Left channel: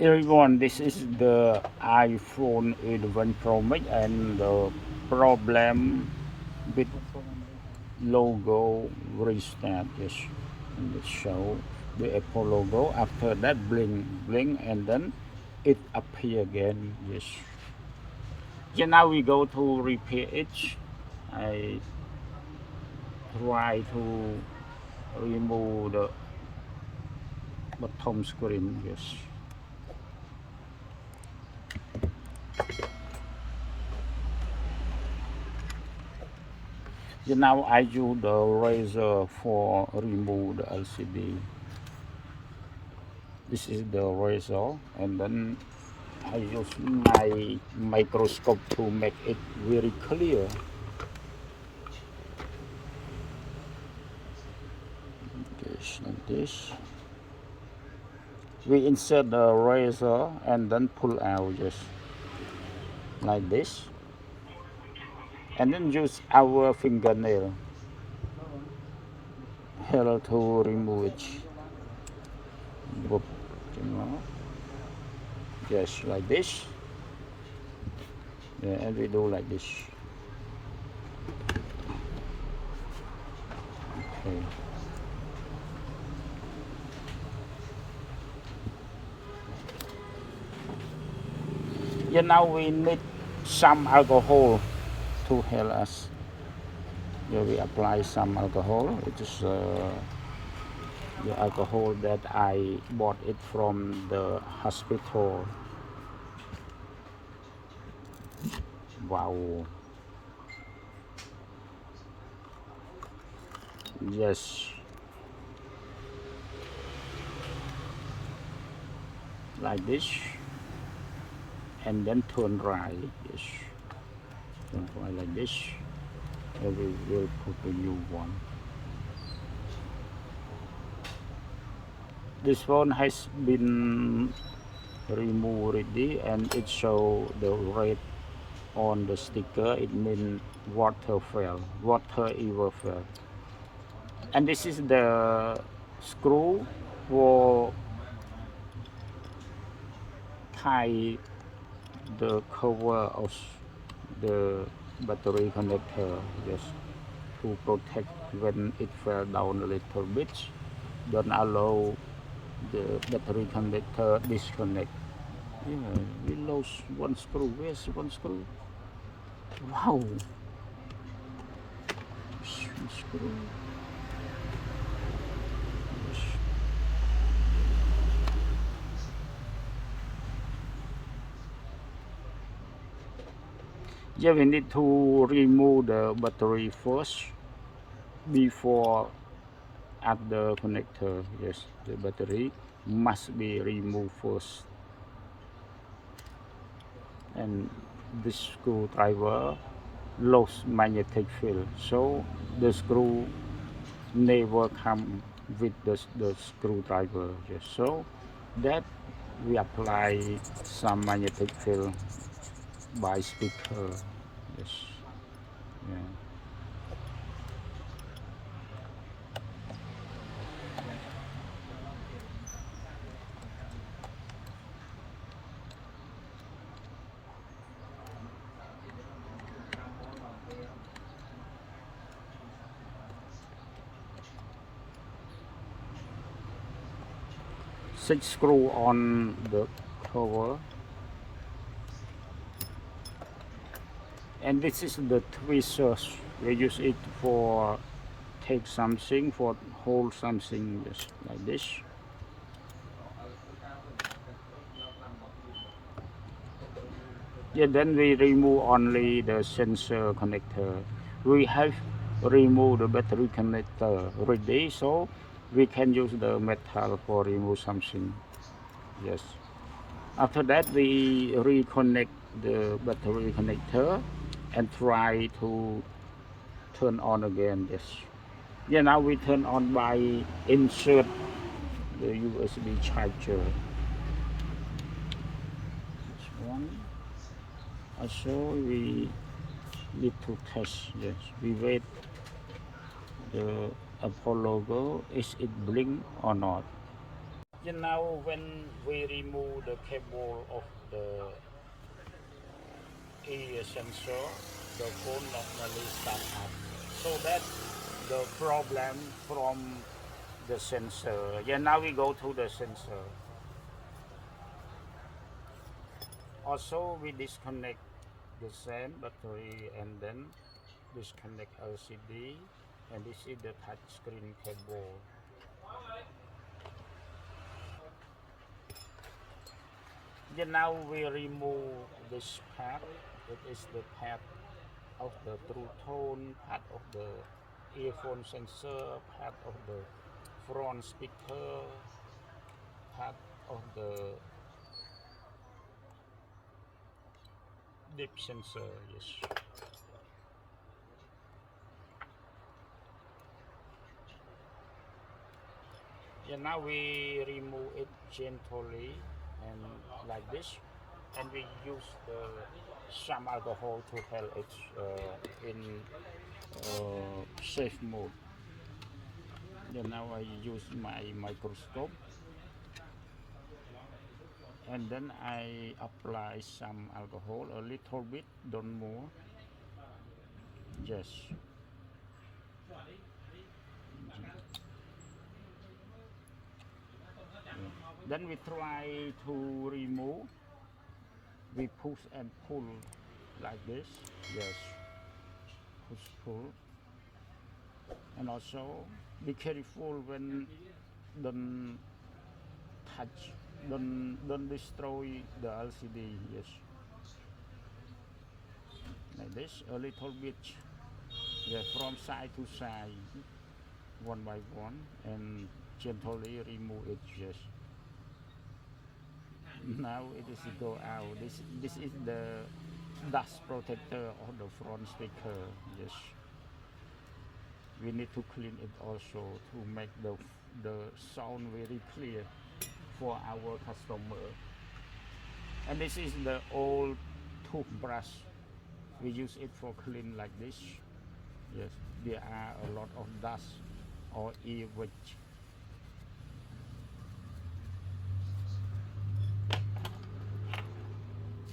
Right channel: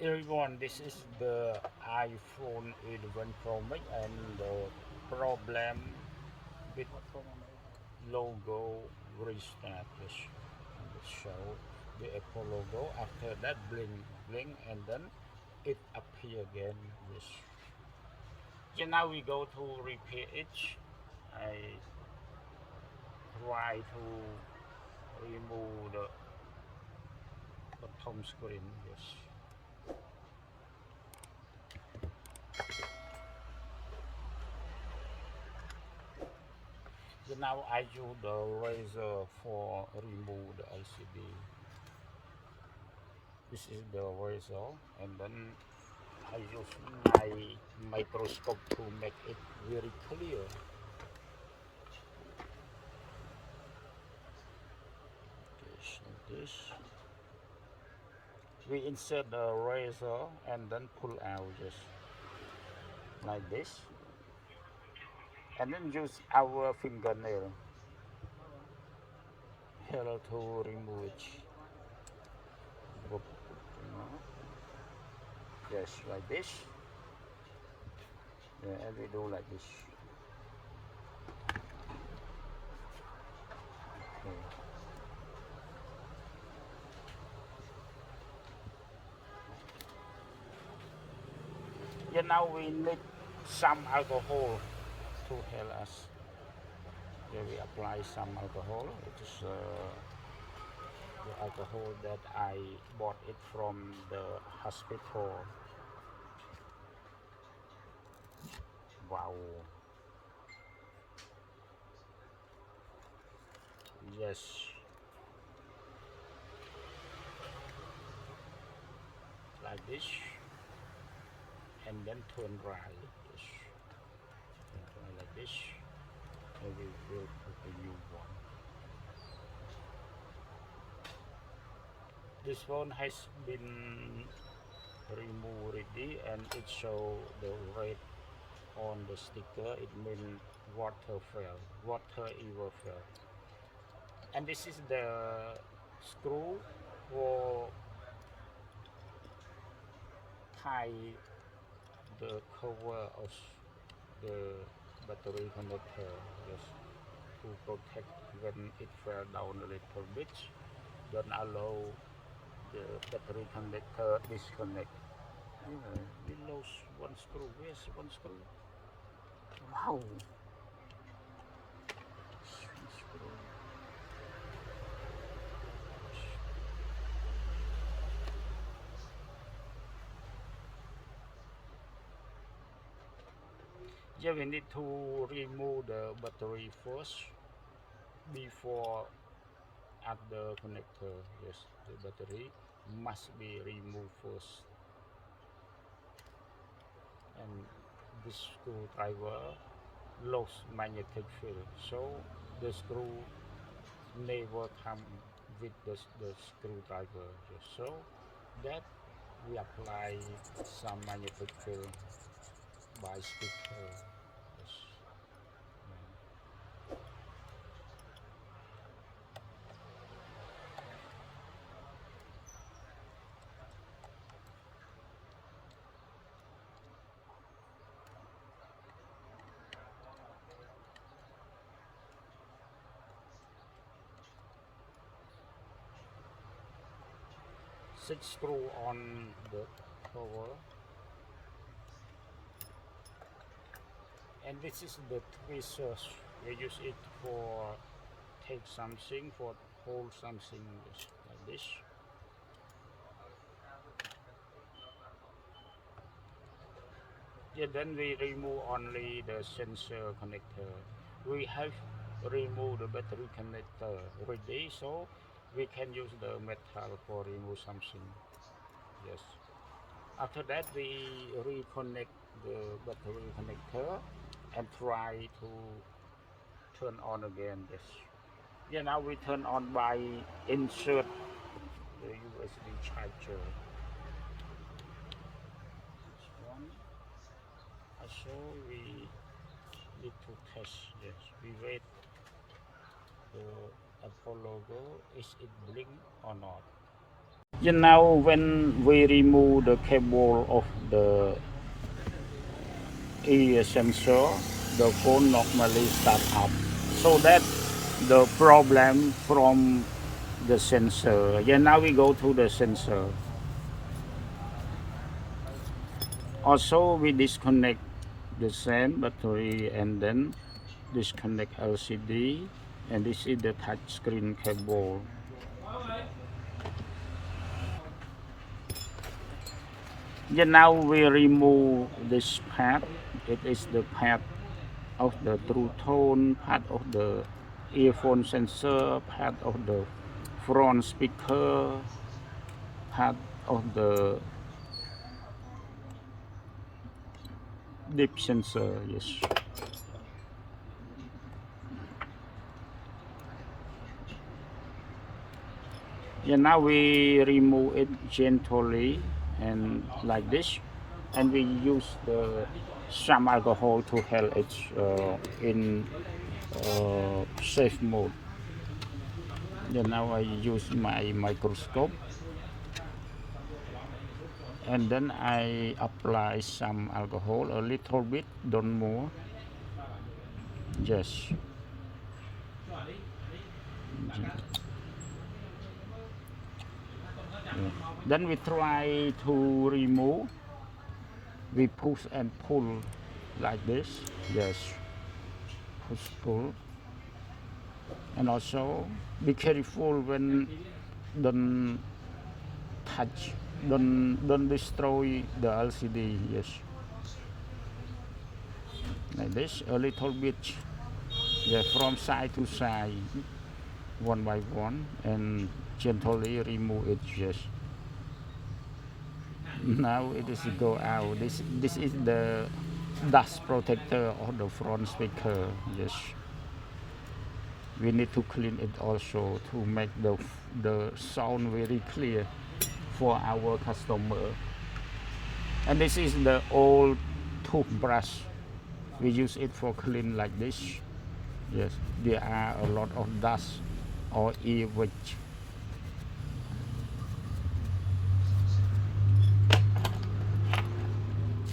Everyone, this is the iPhone 11 Pro Max, and the problem with logo restart is in the show the Apple logo. After that, blink, and then it appear again. Yes. Yeah, now we go to repair it. I try to remove the bottom screen. Yes. Yeah, now I use the razor for remove the LCD. This is the razor, and then I use my microscope to make it very clear. This and this. We insert the razor and then pull out just like this, and then use our fingernail here to remove it. Whoop, you know, just like this. Yeah, and we do like this. Okay. Yeah, now we need some alcohol to help us. Yeah, we apply some alcohol. It is the alcohol that I bought it from the hospital. Wow. Yes. Like this. And then turn right. Yes. Turn right like this. And we will put the new one. This one has been removed already, and it shows the red on the sticker. It means water fell, water ever fell. And this is the screw for tie the cover of the battery connector, just to protect when it fell down a little bit. Don't allow the battery connector disconnect. Yeah, we lost one screw. Where's one screw? Wow. One screw. Yes. Yeah, we need to remove the battery first before add the connector. Yes, the battery must be removed first. And this screwdriver lost magnetic field, so the screw never come with the screwdriver. Yes, so that we apply some magnetic field by sticker. Yes. Yeah. 6 screw on the cover, and this is the tweezers. We use it for take something, for hold something, just like this. Yeah, then we remove only the sensor connector. We have removed the battery connector already, so we can use the metal for remove something. Yes. After that, we reconnect the battery connector and try to turn on again. Yes. Yeah, now we turn on by insert the USB charger. This one. Also, we need to test. Yes, we wait the Apple logo. Is it blink or not? You know, when we remove the cable of the ear sensor, the phone normally start up. So that the problem from the sensor. Yeah, now we go to the sensor. Also, we disconnect the same battery and then disconnect LCD, and this is the touch screen cable. Yeah, now we remove this pad. It is the pad of the true tone, part of the earphone sensor, part of the front speaker, part of the deep sensor. Yes. Yeah, now we remove it gently and like this, and we use some alcohol to help it in safe mode. Yeah, now I use my microscope, and then I apply some alcohol, a little bit, don't more. Yes. Yeah. Then we try to remove. We push and pull like this. Yes. Push pull. And also be careful when don't touch, don't destroy the LCD. Yes. Like this, a little bit. Yeah, from side to side, one by one, and gently remove it. Yes. Now it is go out. This is the dust protector of the front speaker. Yes. We need to clean it also to make the sound very clear for our customer. And this is the old toothbrush. We use it for clean like this. Yes, there are a lot of dust or earwax.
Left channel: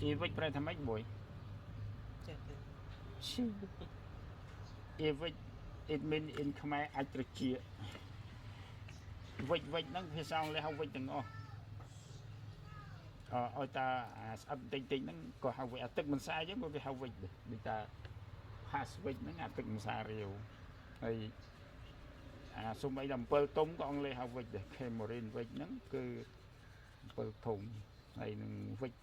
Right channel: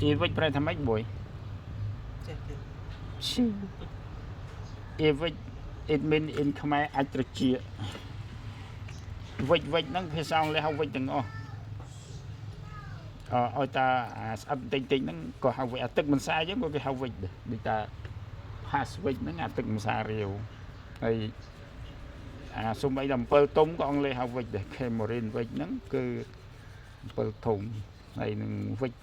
Earwax ប្រែថាម៉េចបុយ Earwax it mean in ខ្មែរអាចត្រជាវិចហ្នឹងភាសាអង់គ្លេសហៅវិចទាំងអស់ឲ្យតាស្អិតតិចតិចហ្នឹងក៏ហៅវិចអាទឹកមិនសាយហ្នឹងក៏គេហៅវិចដែរដូចតា pass វិចហ្នឹងអាទឹកមិនសារាវហើយសូម្បីតែអំពិលទុំក៏អង់គ្លេសហៅវិចដែរ Cameron វិចហ្នឹងគឺអំពិលធំហើយនឹងវិច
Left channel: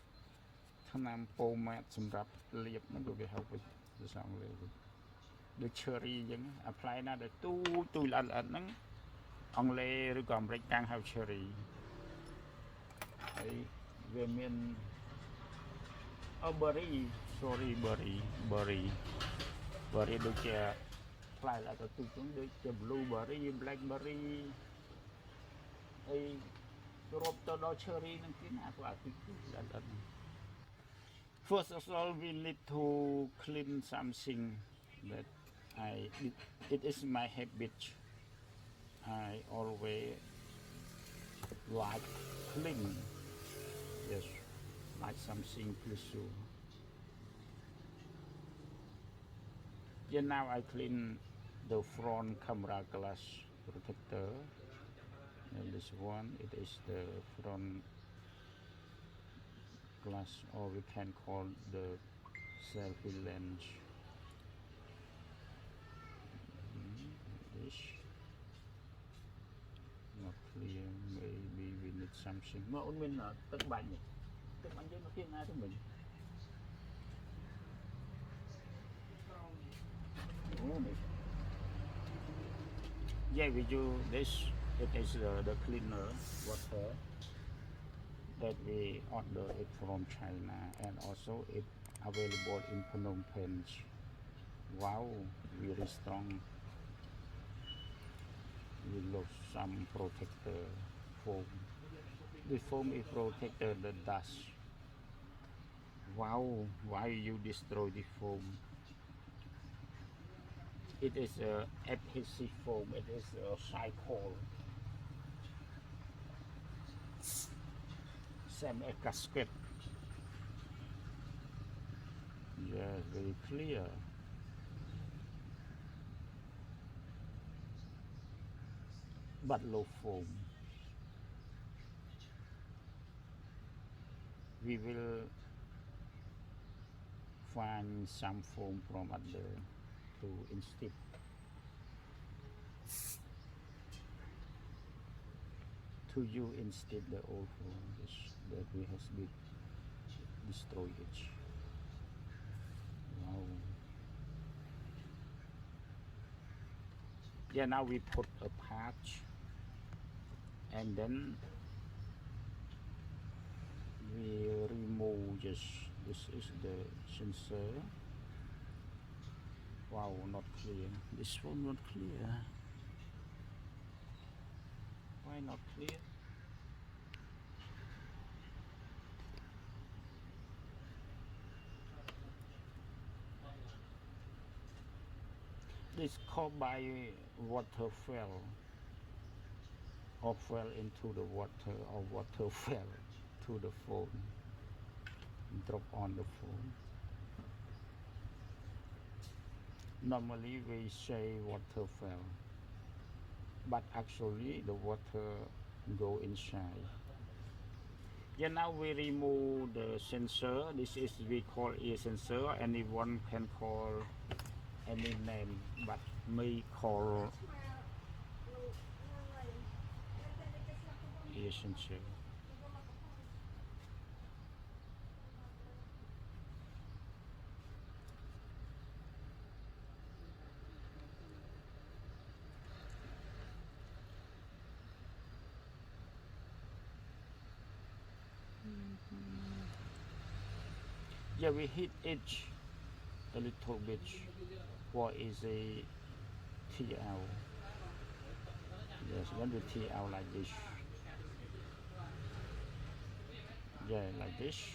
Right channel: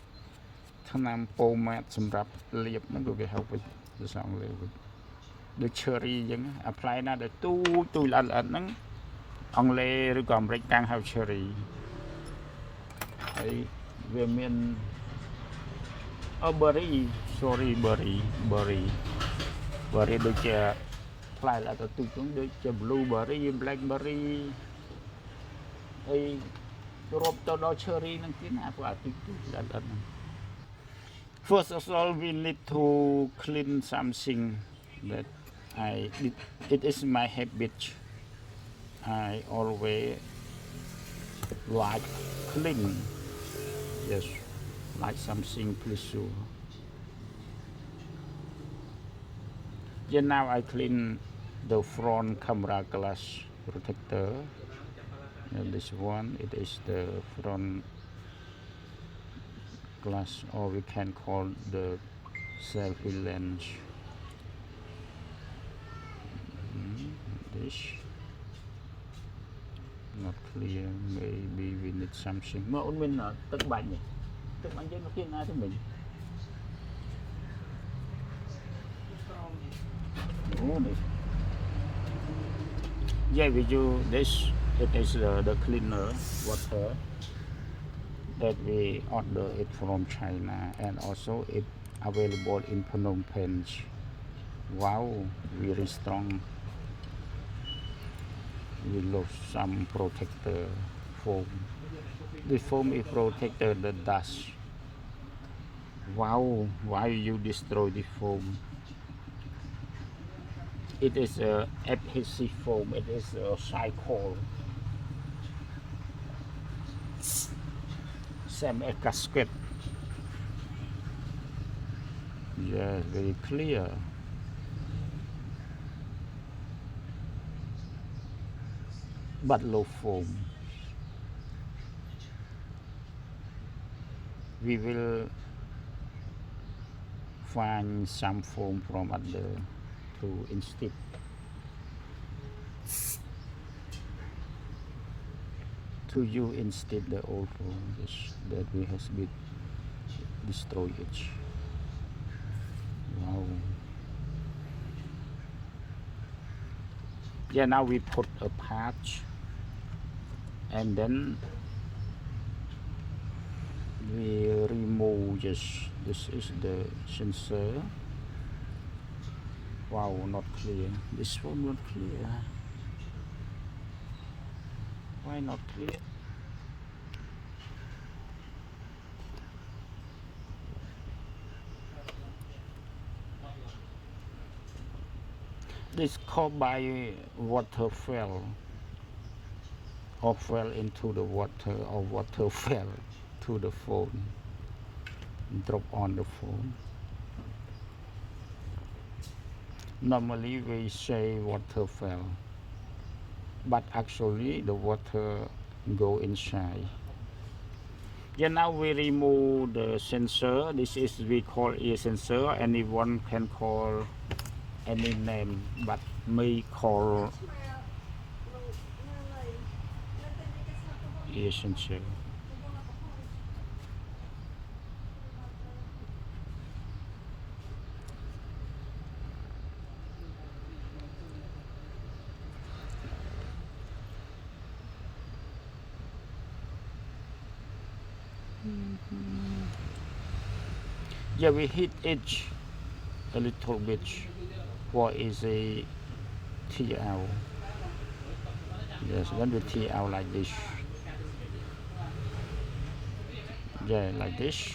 ថ្នាំពោម៉ាតសម្រាប់លាបហ្នឹងក៏គេហៅវិចភាសាអង់គ្លេសវិចដូច cherry អញ្ចឹងអាផ្លែណាដែលទូល្អិតហ្នឹងអង់គ្លេសឬក៏អាមេរិកតាំងហៅ cherry ហើយវាមាន berry sorry berry ដូចជាផ្លែល្អិតទូចៗដូចជា blueberry blackberry ហើយរាប់ទៅដល់ cherry ហ្នឹងទៀតណាព្រោះអាទូចៗល្អិតហ្នឹង First of all we need to clean something that it is my habit. I always like clean. Yes, like something pleasure. Yeah, now I clean the front camera glass protector. And this one, it is the front glass, or we can call the selfie lens. This not clear, maybe we need something. Mà ôn mình là tức bánh chứ nó kia ai thì mình. Yeah, we do this. It is the cleaner water that we order it from China, and also it available in Phnom Penh. Wow, very strong. We lost some protector foam. The foam is protected the dust. Wow, why you destroy the foam? It is a adhesive foam. It is a cycle. SMA gasket. Yeah, very clear. But low foam. We will find some foam from other to instead. To use instead the old foam that we have been destroyed it. Wow. Yeah, now we put a patch and then we remove this is the sensor. Wow, not clear. This one not clear. Why not clear? This caused by water fell or fell into the water or water fell to the phone, drop on the phone. Normally we say water fell, but actually the water go inside. Yeah, now we remove the sensor. This is we call ear sensor. Anyone can call any name, but me call ear sensor. Yeah, we hit edge a little bit for easy tear out. Yes, when we tear out like this. Yeah, like this.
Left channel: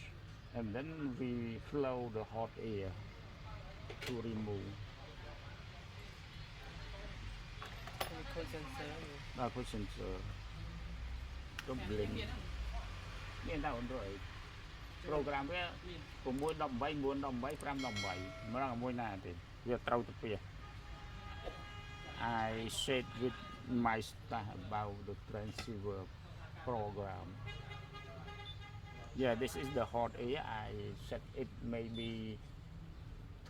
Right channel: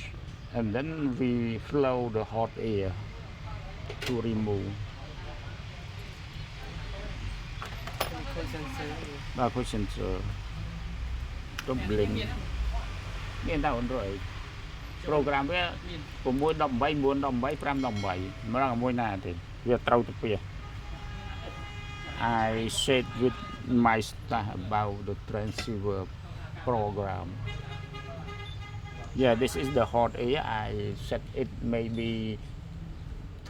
And then we flow the hot air to remove. Put sensor. Don't blink. Miền đâu rồi. Program với 6 18 4 18 5 18 mà là môi nào thì việc trâu tập việc. I said with my staff about the transceiver program. Yeah, this is the hot air. I set it maybe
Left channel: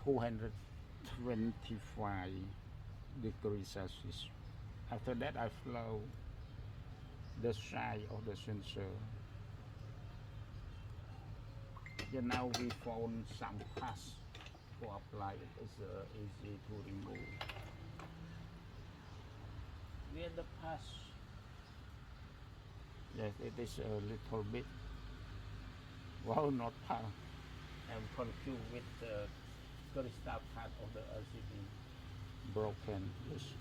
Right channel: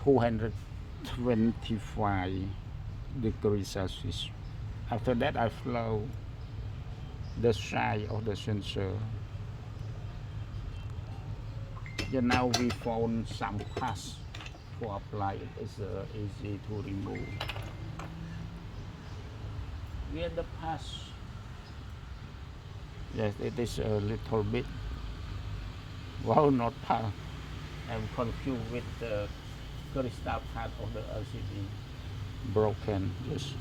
225 degrees Celsius. After that, I flow the side of the sensor. And now we found some pass for apply. It is easy to remove. Where the pass? Yes, it is a little bit. Wow, not pass. I'm confused with the crystal part of the LCD broken. Yes,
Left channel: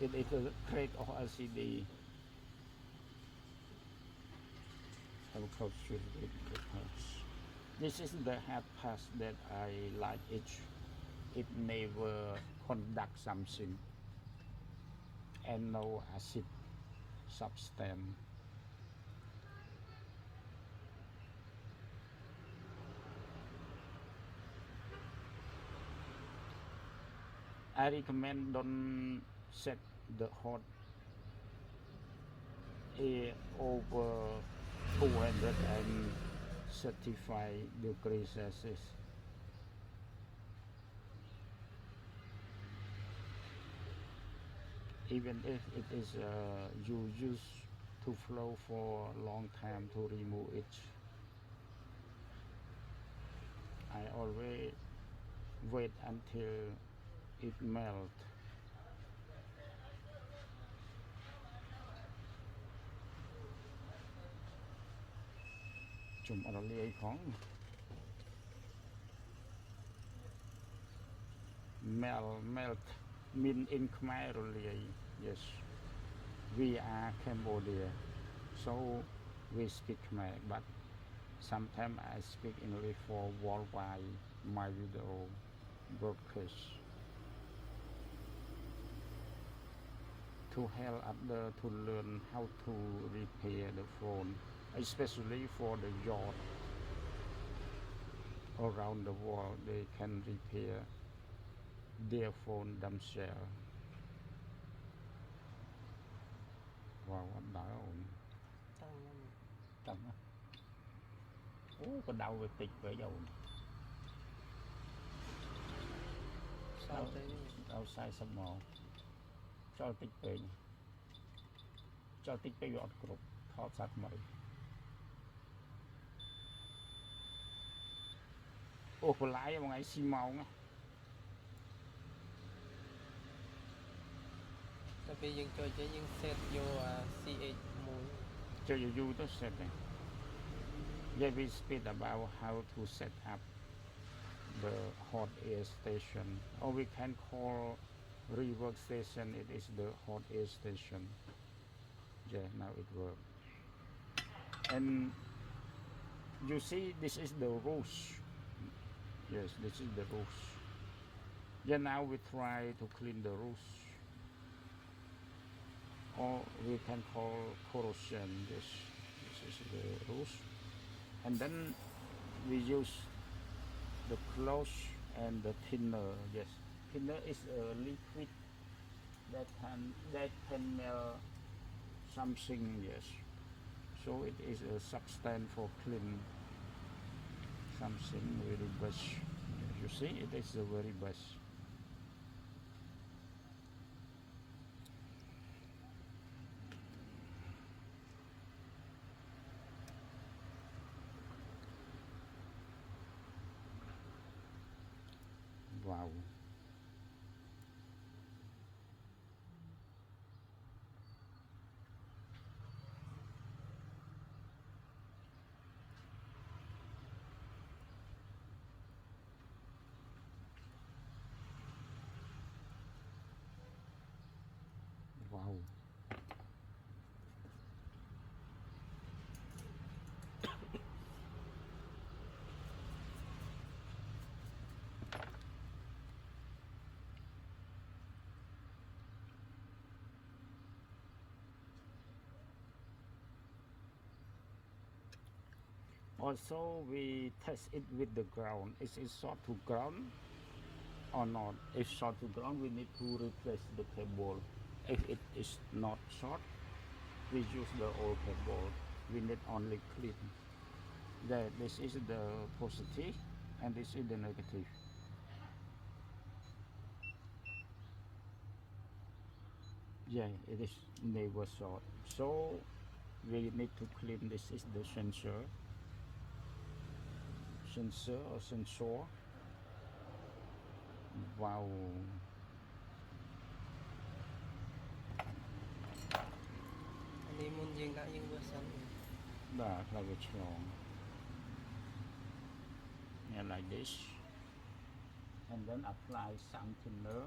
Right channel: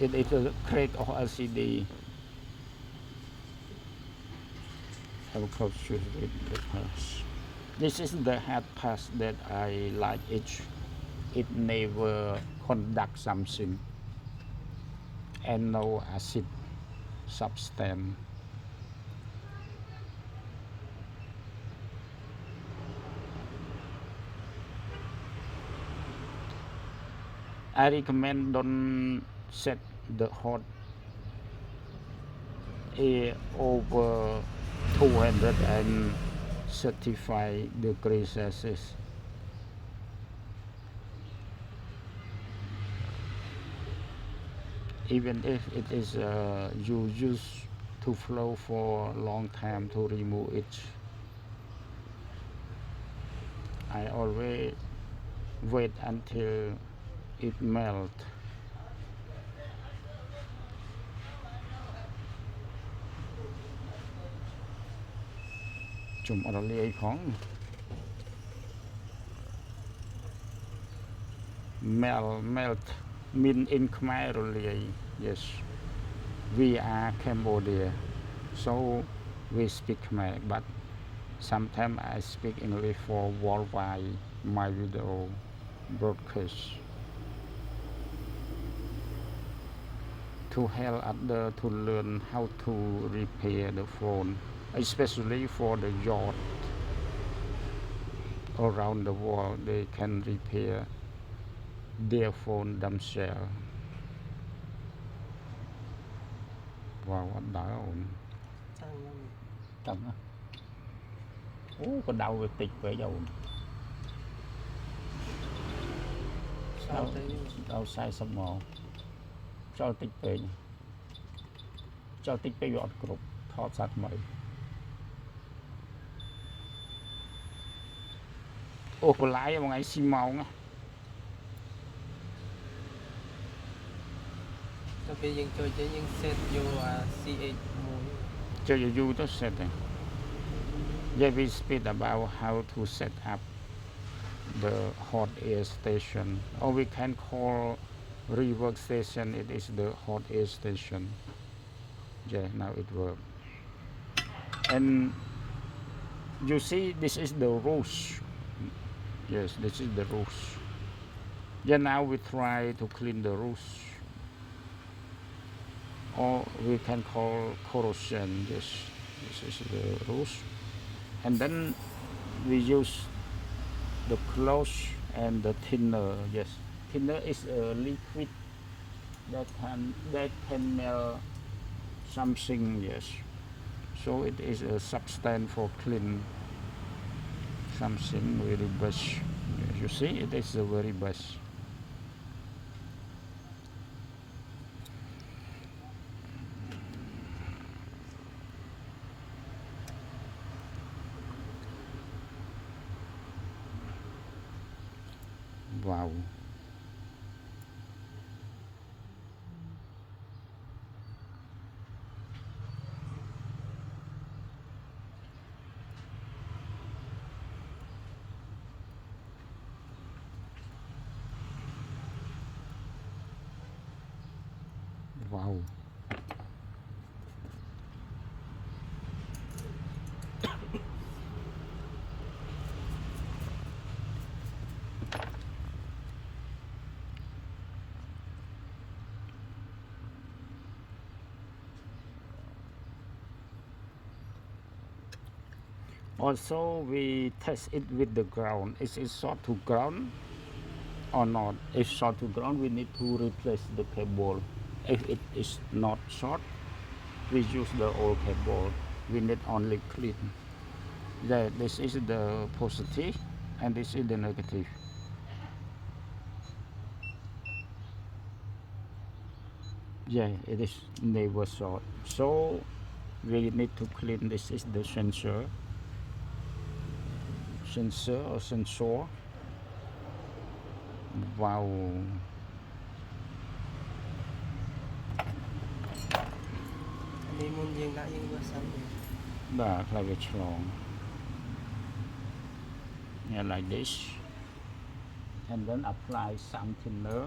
it is a crack of LCD. I'm confused with the pass. This is the hard pass that I like it. It never conduct something and no acid substance. I recommend don't set the hot air over 235 degrees Celsius. Even if it is you use to flow for a long time to remove it, I always wait until it melt. Chùm ở đây phóng melt mean in Khmer really. Yes, we are Cambodia, so we speak Khmer, but sometimes I speak English for worldwide my video broadcast to help others to learn how to repair the phone especially for the yacht around the world. They can repair their phone themselves. Wow, what down? Căng á. Có đau về tịch với dầu. Đau sai sắp mò. Cho tịch về. Cho tịch về gọt cục. Thọ sát mấy. Có lái một ngày xì màu á. Tapi yang cuaca yang set yo CH mode. Cho you to set it. Yeah, we speak about how to set up the hot air station, or we can call rework station. It is the hot air station. Yeah, now it works. And you see, this is the rules. Yes, this is the rules. Yeah, now we try to clean the rules, or we can call corrosion. Yes, this is the rules. And then we use the cloth and the thinner. Yes, thinner is a liquid that can melt something. Yes, so it is a substance for clean something very best. Yes, you see, it is the very best. Wow. Wow. Also, we test it with the ground. Is it short to ground or not? If short to ground, we need to replace the cable. If it is not short, we use the old cable. We need only clean. Yeah, this is the positive and this is the negative. Yeah, it is never short. So we need to clean. This is the sensor or sensor. Wow. Ini mun yang nak yang besar. Like it's long. Yeah, like this. And then apply some thinner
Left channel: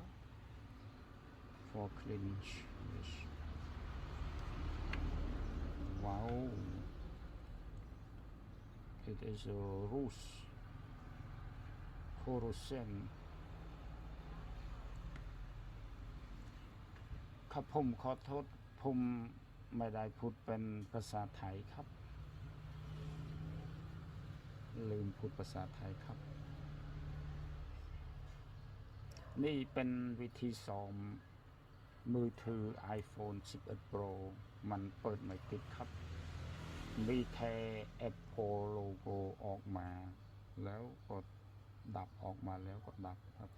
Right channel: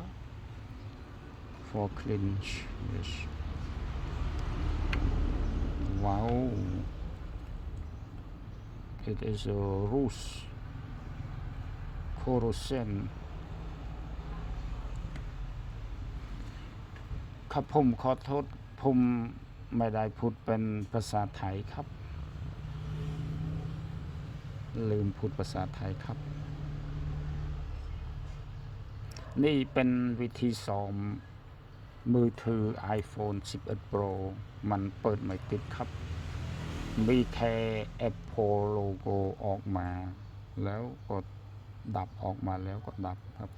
for cleanse. Yes. Wow. It is a roost corrosion ครับผมขอโทษผมไม่ได้พูดเป็นภาษาไทยครับลืมพูดภาษาไทยครับนี่เป็นวิธีซ้อมมือถือ iPhone 11 Pro มันเปิดไม่ติดครับมีแค่ Apple โลโก้ออกมาแล้วก็ดับออกมาแล้วก็ดับครับ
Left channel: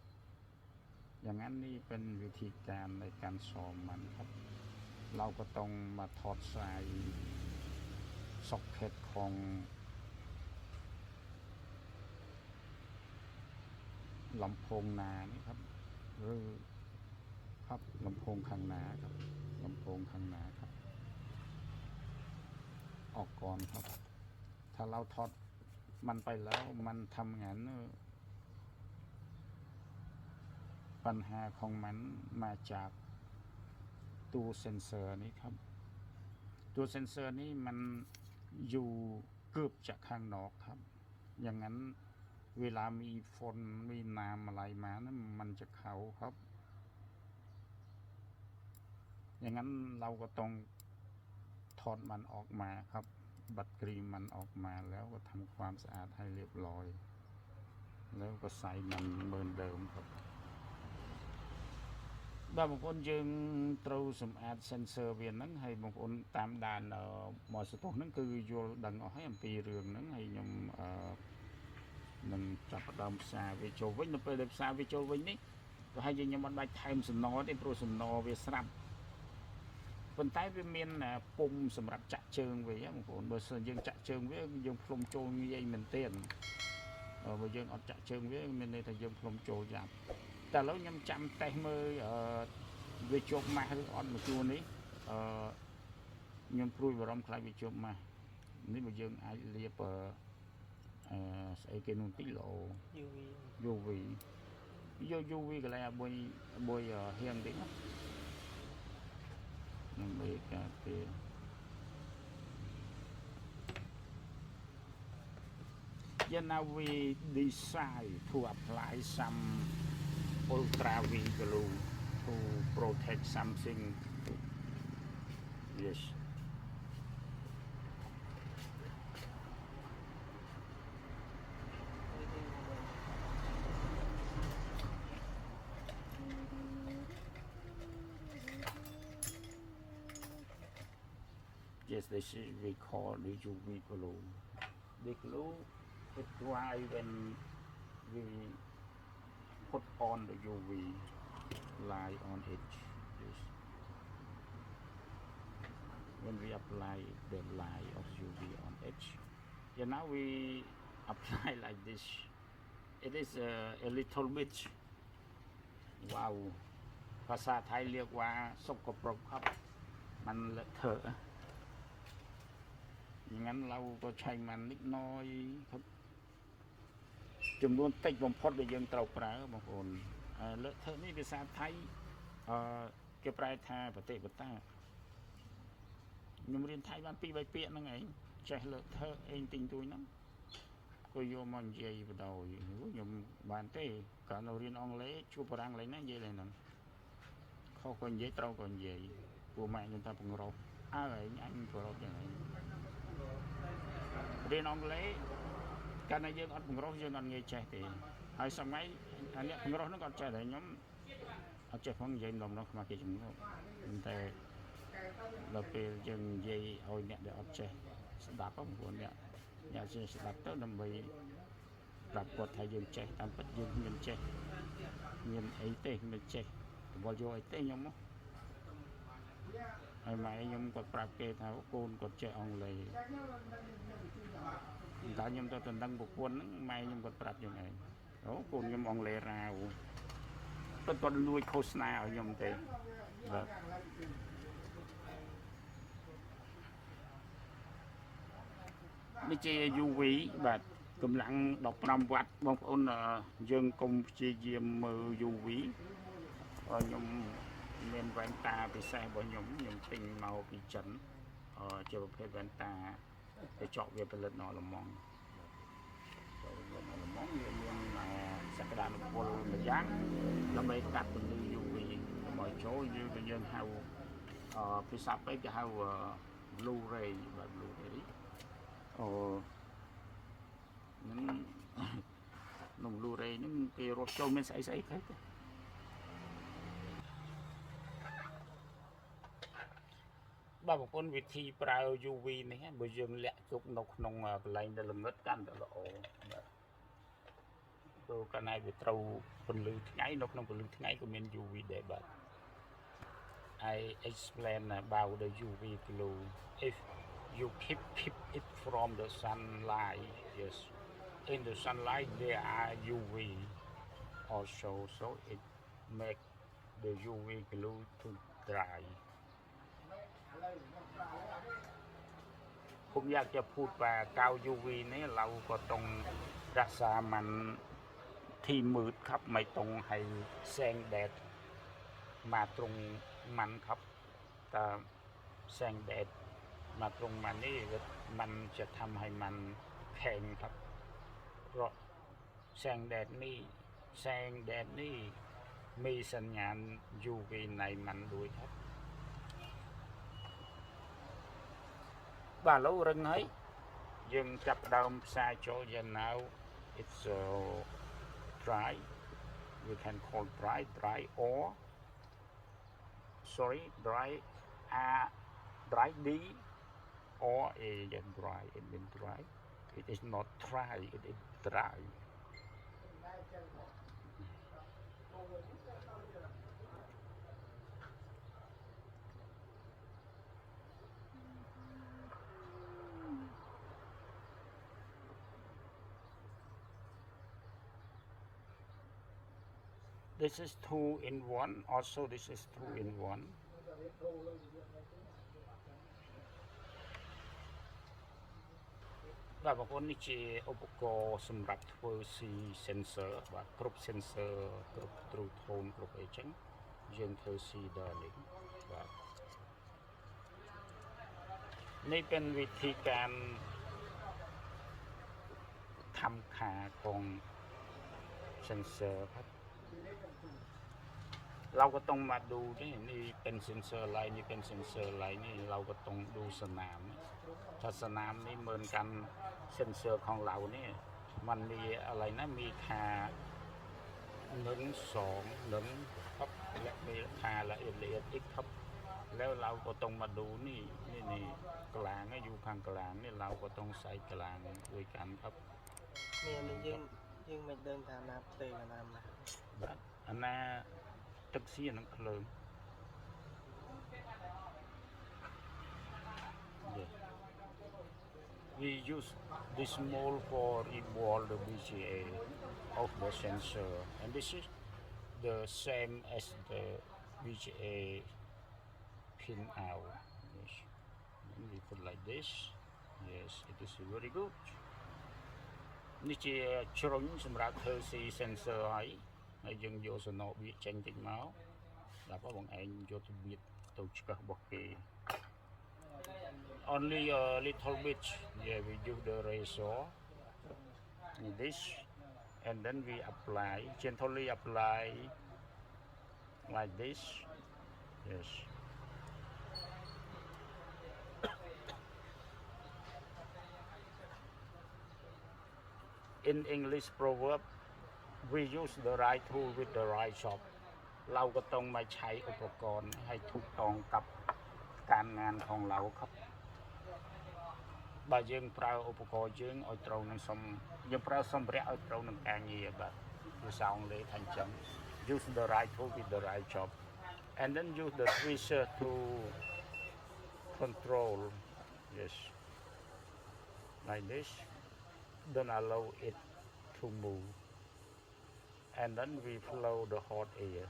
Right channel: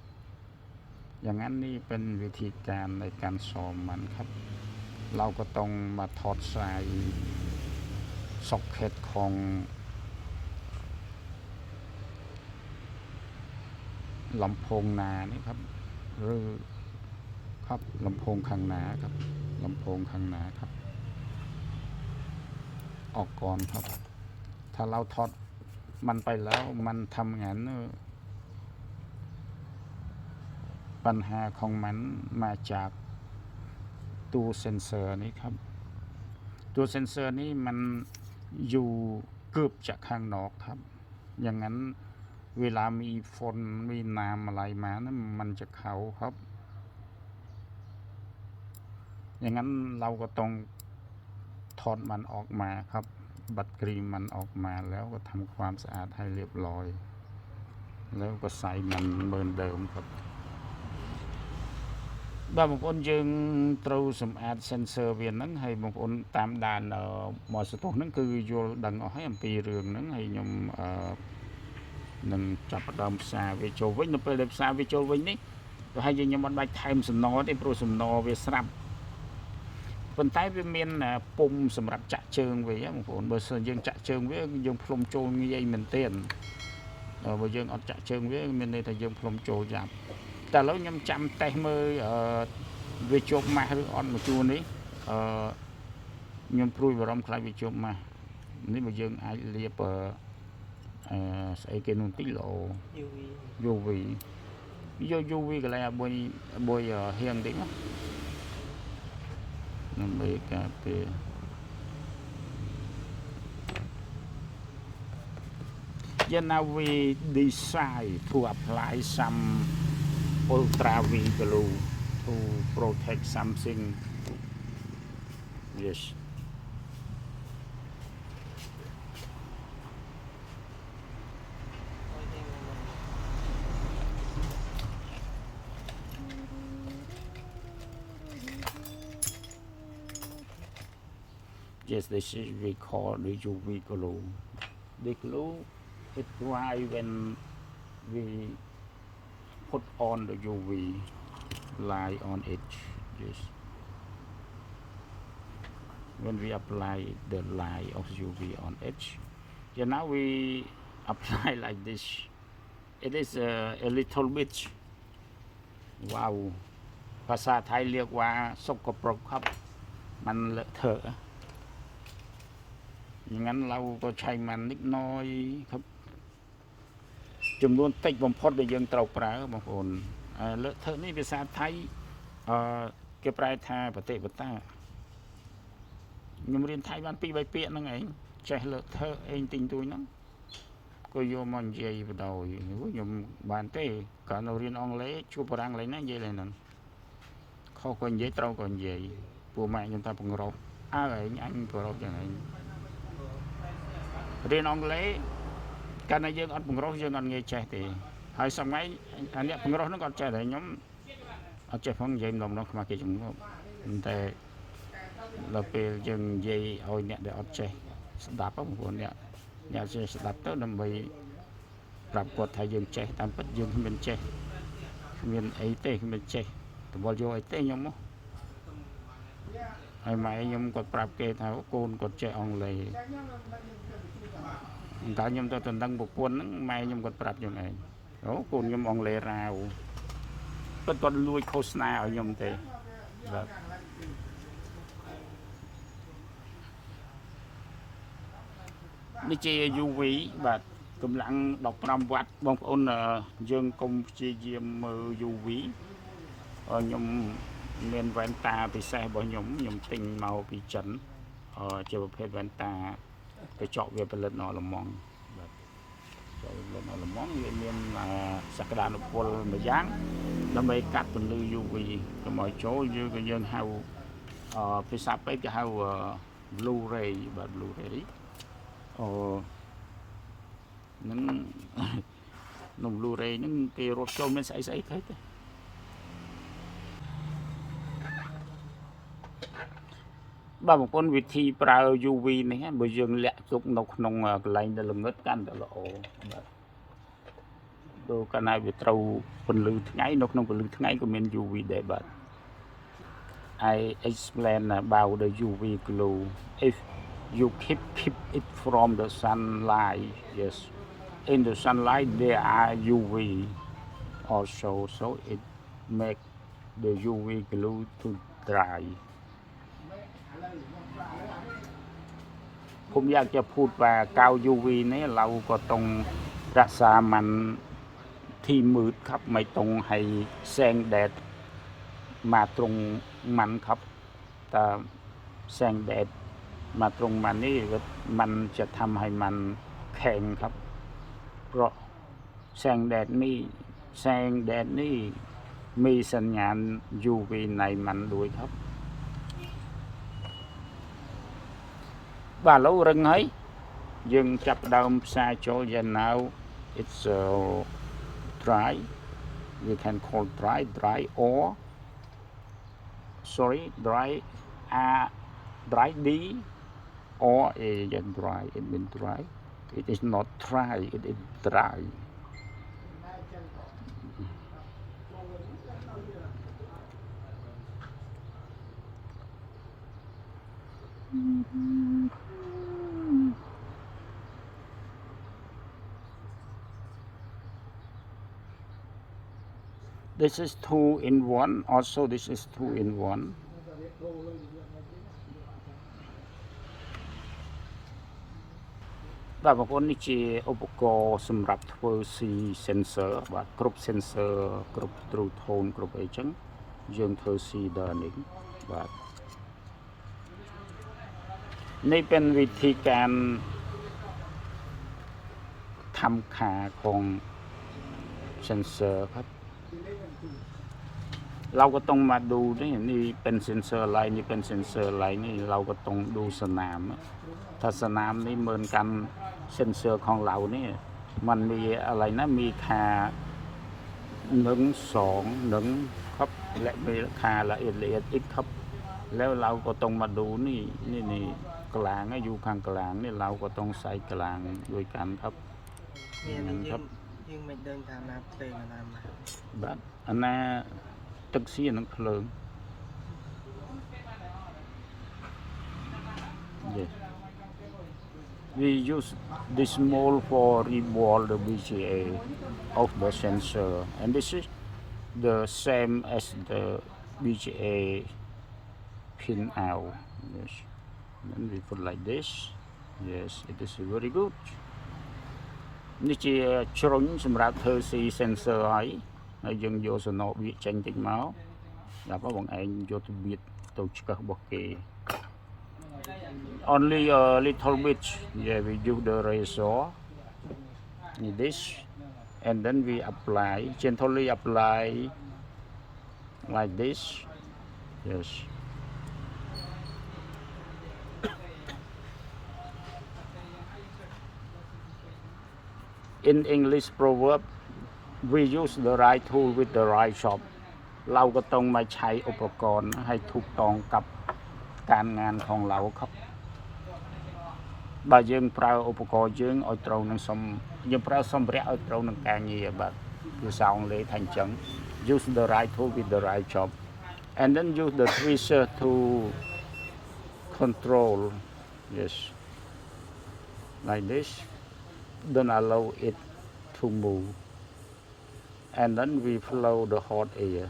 อย่างนั้นนี่เป็นวิธีการในการซ้อมมันครับเราก็ต้องมาถอดสายซ็อกเก็ตของลำโพงหน้านี่ครับหรือครับลำโพงข้างหน้าครับลำโพงข้างหน้าครับออกก่อนครับถ้าเราถอดมันไปแล้วมันทำงานปัญหาของมันมาจากตัวเซ็นเซอร์นี้ครับตัวเซ็นเซอร์นี้มันอยู่เกือบจะข้างนอกครับอย่างนั้นเวลามีฝนมีน้ำอะไรมานั้นมันจะเข้าครับอย่างนั้นเราก็ต้องถอดมันออกมาครับ บัตรครีมมันออกมาแล้วก็ทำความสะอาดให้เรียบร้อยแล้วก็ใส่มันเหมือนเดิมครับบางคนยังตรูสำอาดเซนเซอร์เวียนนั้นให้บางคนตามด่านหมอสตุนั้นคือโยดังเอาให้ปีเรื่องนั้นให้ยมនឹងចាប់ផ្ដើមផ្សារវាចូលវិញនៅពេលដែលផ្សារវាចូលវិញនេះក៏ហើយយើងមិនបាច់ថែមសំណទេព្រោះសំណវាស្រាប់ប៉ុន្តែវាមានពុំសម្រាប់ចាក់ជើងវាបងប្អូនបើសិនយើងចាក់ជើងវាយើងផ្លុំចូលងាយមែនទែនបើយើងអត់ចាក់ជើងវាមានន័យថាយើងផ្លុំចូលយ៉ាប់តែឥឡូវខ្ញុំចាំតេស្តមើលវាជាប់ម៉ាស់ឬអត់មកជួរនេះខ្ញុំព្រួយបារម្ភខ្លាចវាជាប់ម៉ាស់នេះបើយើងអាចលាបស្អីគេនោះតិចល្អ UV យក UV កន្លែងបុយហៀងតិចមកដើម្បីការពារ now we decide to apply some ultra V glue to protect something yes yes this is we call the UV glue the glue is dry when we put on the UV light on it yes when we apply the light of UV on it yeah now we apply like this it is a little bit wow ภาษาไทยเรียกว่าสกปรกครับมันเลอะเทอะอย่างนั้นเราก็ใช้มันนิดน้อยครับจำนวนติดบ่มพอดได้ยังเตาปลาบางคนเลอะเทอะนี่ภาษาไทยเก็บปลายทาปฏิบัติตายังเรียนไทยบ้านปีใบเปียนั่งเองใช้เลอะเทอะเองติงตัวนั้นก็โยมันเย่ไปดูยมบ้านเต้การเราเรียนอังกฤษชูปรังอะไรนั่นเย่เลยนั่นเขาคนเย่เตาคนเย่ปูแม่ยังตาปงรบอะไรอันปงรบอย่างไรเรียนอังกฤษการในยังอัดปงรบยังอันเงี้ยใจตีหายสมัยอันเนี้ยปงรบนั่นก็ใจแต่ย้อมเอาใจฟังเย็นลงน้องมาเกี่ยงแต่เราไปยังเย่เอาเนี่ยเดี๋ยวเอาใจดับอ่ะบางคนเนี่ยอยากจะดับต้นนำไปปรับกดไทยยังใจตามปัจจุบันเป็นใจเงินไอเต้เป็นใจแต่บอลโยไอเต้ยังมั้งไอ้ไม้ยังกดปรับเกณฑ์เขาโกนกดใจอ่องเลยการยังตัวตั้งบุกวนนั้นไม้ยังกดปรับยังไงโอ้โกนยังอ่องเลยราวก็ตอนลุยโฆษณาเอายังเต้แบบนี่เจยูวีแบบกำลังดอกนำวัดบางคนยังคงเจียมมือยูวียมเรียนแว่นตาไปใส่บ่ยมติงเมาไปจันเจอประเภทแว่นตาไปเจาะเวียนเป็นเลือดนอละมองเจาะเลือดนอละมองเรียนสักดานุพลมาย่างแล้วไปกัดเป็นลือยูวีก็หมายโจ้ยืนก็ยังเฮาไปสับไปจะเฮาบลูเรย์แบบบลูเรย์นั่นนมลูเรย์นั่นเกรถโจมเป็นใสๆครับบางคนวิธีปรายูวีนี่ฮะบางอย่างเละจุกนกนงกลายเป็นลมงดกันตลอดดูกันในวิตรูผลลือไงนกนงผลลือไงก็เป็นยูวีได้บัด I explain about the UV glow if you keep it from the sunlight yes in the sunlight there are UV also so it make the UV glue to dry ผมอยากจะพูดว่ากาว UV นี้เราก็ต้องรักษามันที่มืดครับไม่ต้องให้แสงแดดมาตรงมันครับแต่แสงแดดมาตรงมันนี่มันจะทำให้มันแข็งครับเพราะแสงแดดนี่มีสัญญาณ UV ในมันด้วยครับ và lâu rừng ấy dừng chập đầu xa chỗ giờ nào it's dry we can call dry or sorry dry dry D or a dry it means dry it is not dry it is dry. This is 2 in 1 also this is 2 in 1. Và một con này chỉឧបករណ៍សម្រាប់ធ្វើ C sensor បាទគ្រប់ sensor គ្រប់ true tone គ្រប់អីចឹងយើងធ្វើ C ដល់នេះបាទនេះเป็นវិធីការทำค่าของ sensor ครับเราก็ต้องมาดูนี่เป็น sensor อะไรนี่เป็น sensor อะไรนี่เราก็ต้องดูสนามถ้าสนามนี่เหมือนกัน sensor ของเรานี่มันมีอะไรนะมีค่า1 2 1ครับและมีค่าละเอียดอีกครับแล้วเราก็ต้องมาดูนี่กลางอยู่ข้างกลางนี่เราก็ต้องใส่กลางด้วยกันครับครับยังไม่เดินทางนับเพลงอะไรมาបាទอันน่ะตึกสีนังเพลิง yes we use this mold for revolve the VGA of the sensor and this is the same as the VGA pin out yes then we put like this yes it is very good នេះជាជ្រុញសម្រាប់ធ្វើ C sensor ហើយយើងយកសំណោវាចេញតិចមកដល់បងឯងយកទៅបៀតទៅឆ្កឹះរបស់គេ only a little bit yeah we use the razor like this and then we apply gently apply like this yes in English proverb we use the right tool with the right shop เราก็ต้องมาใช้อุปกรณ์ให้ถูกต้องกับการงานของเราครับបើយើងប្រើឧបករណ៍យើងឲ្យត្រូវនឹងយើងប្រើសម្ភារៈឲ្យត្រូវនឹងការងារបាទភាសាអង់គ្លេសថាអញ្ចឹង use the right tool with the right job and then use the tweezer to control yes like this don't allow it to move and then we flow the hot air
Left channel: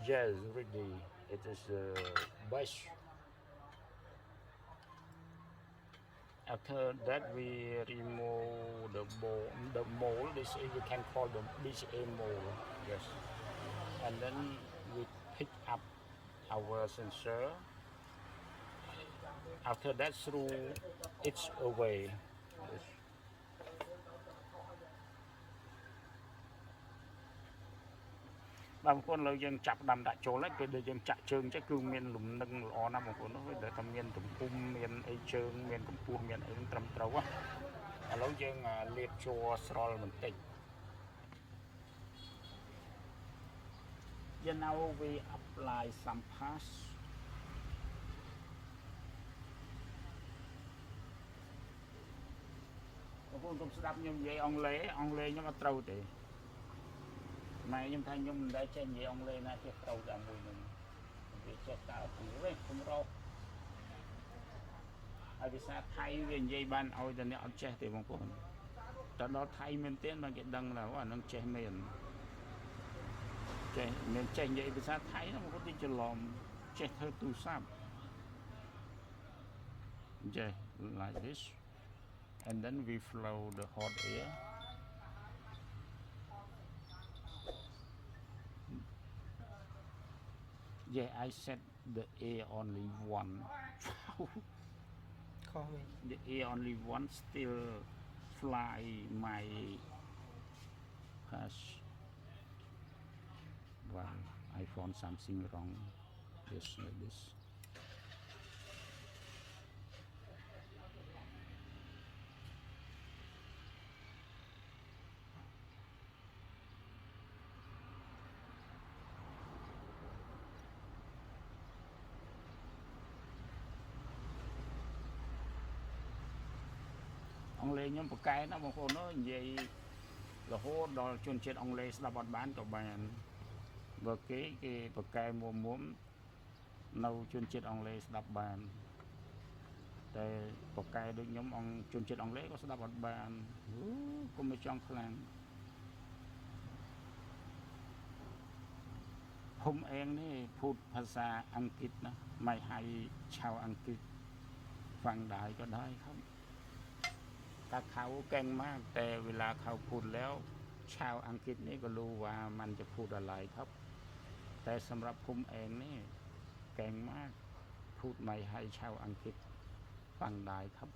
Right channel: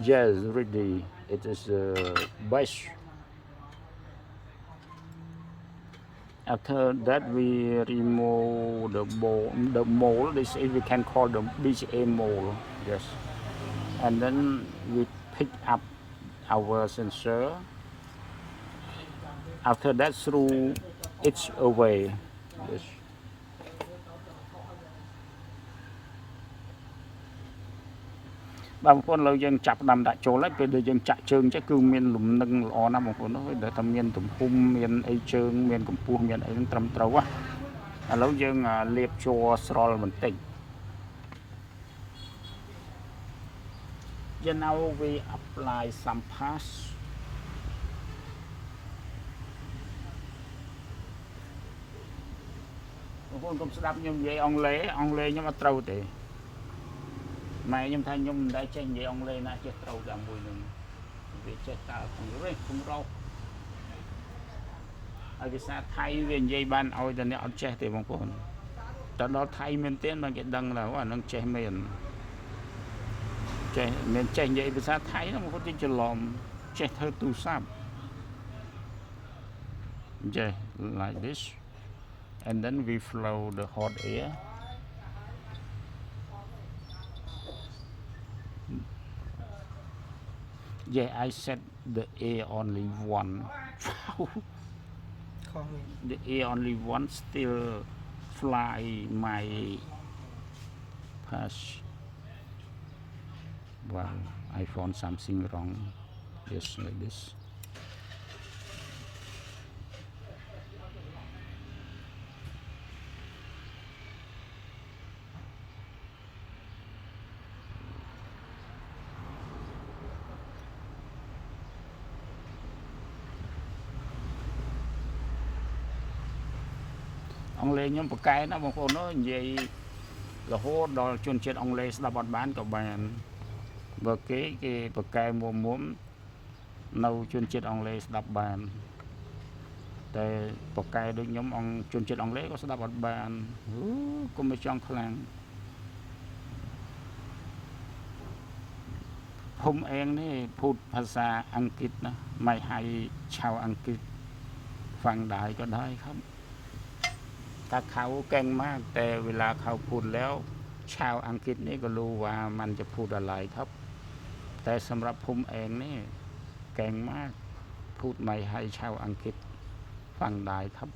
yes ready it is best after that we remove the mold this is we can call the BGA mold yes and then we pick up our sensor after that throw it away yesបងប្អូនเราយើងចាប់ដាំដាក់ចូលហើយពេលដែលយើងចាក់ជើងចេះគឺមានលំនឹងល្អណាស់បងប្អូនអើយដែលថាមានទំហំមានអីជើងមានកម្ពស់មានអីត្រឹមត្រូវឥឡូវយើងលាបជ័រស្រល់បន្តិច Yeah, now we apply some passបងប្អូនកុំស្ដាប់ខ្ញុំនិយាយអង់គ្លេសខ្ញុំអត់ត្រូវទេម៉ែខ្ញុំថាខ្ញុំមិនដែលចេះនិយាយអង់គ្លេសណាចេះត្រូវតែមួយនឹងវាចេះតើពីវិញគុំរកហើយភាសាថៃវានិយាយបានឲ្យតែអ្នកអត់ចេះទេបងប្អូនតែដល់ថៃមែនទេបានគេដឹងថាអានឹងចេះមែនចេះមិនចេះនិយាយភាសាថៃហ្នឹងបងប្អូនទីច្រឡំចេះធ្វើទូរស័ព្ទចេះ like this and then we flow the hot air yeah I set the air only one the air only one still fly my pass well I found something wrong yes like this ông lê nhóm bậc cái nó bông phô nó vậy là hô đo chuyên chết ông lê đã bọt bán các bạn bậc cái bậc cái mua muốn nâu chuyên chết ông lê đã bànแต่bậc cái được nhóm ông chuyên chết ông lê có đã bọt bàn cũng mới trong khănผมเองนี่พูดภาษาอังกฤษนะไม่ให้ชาวอังกฤษฟังได้ก็ได้ครับถ้าเขาเก่งมากแต่เวลาเขาพูดแล้วชาวอังกฤษนี่ก็รู้ว่ามันจะพูดอะไรครับแต่สำหรับผมเองนี่เก่งมากพูดไม่ให้ชาวอังกฤษฟังได้ครับ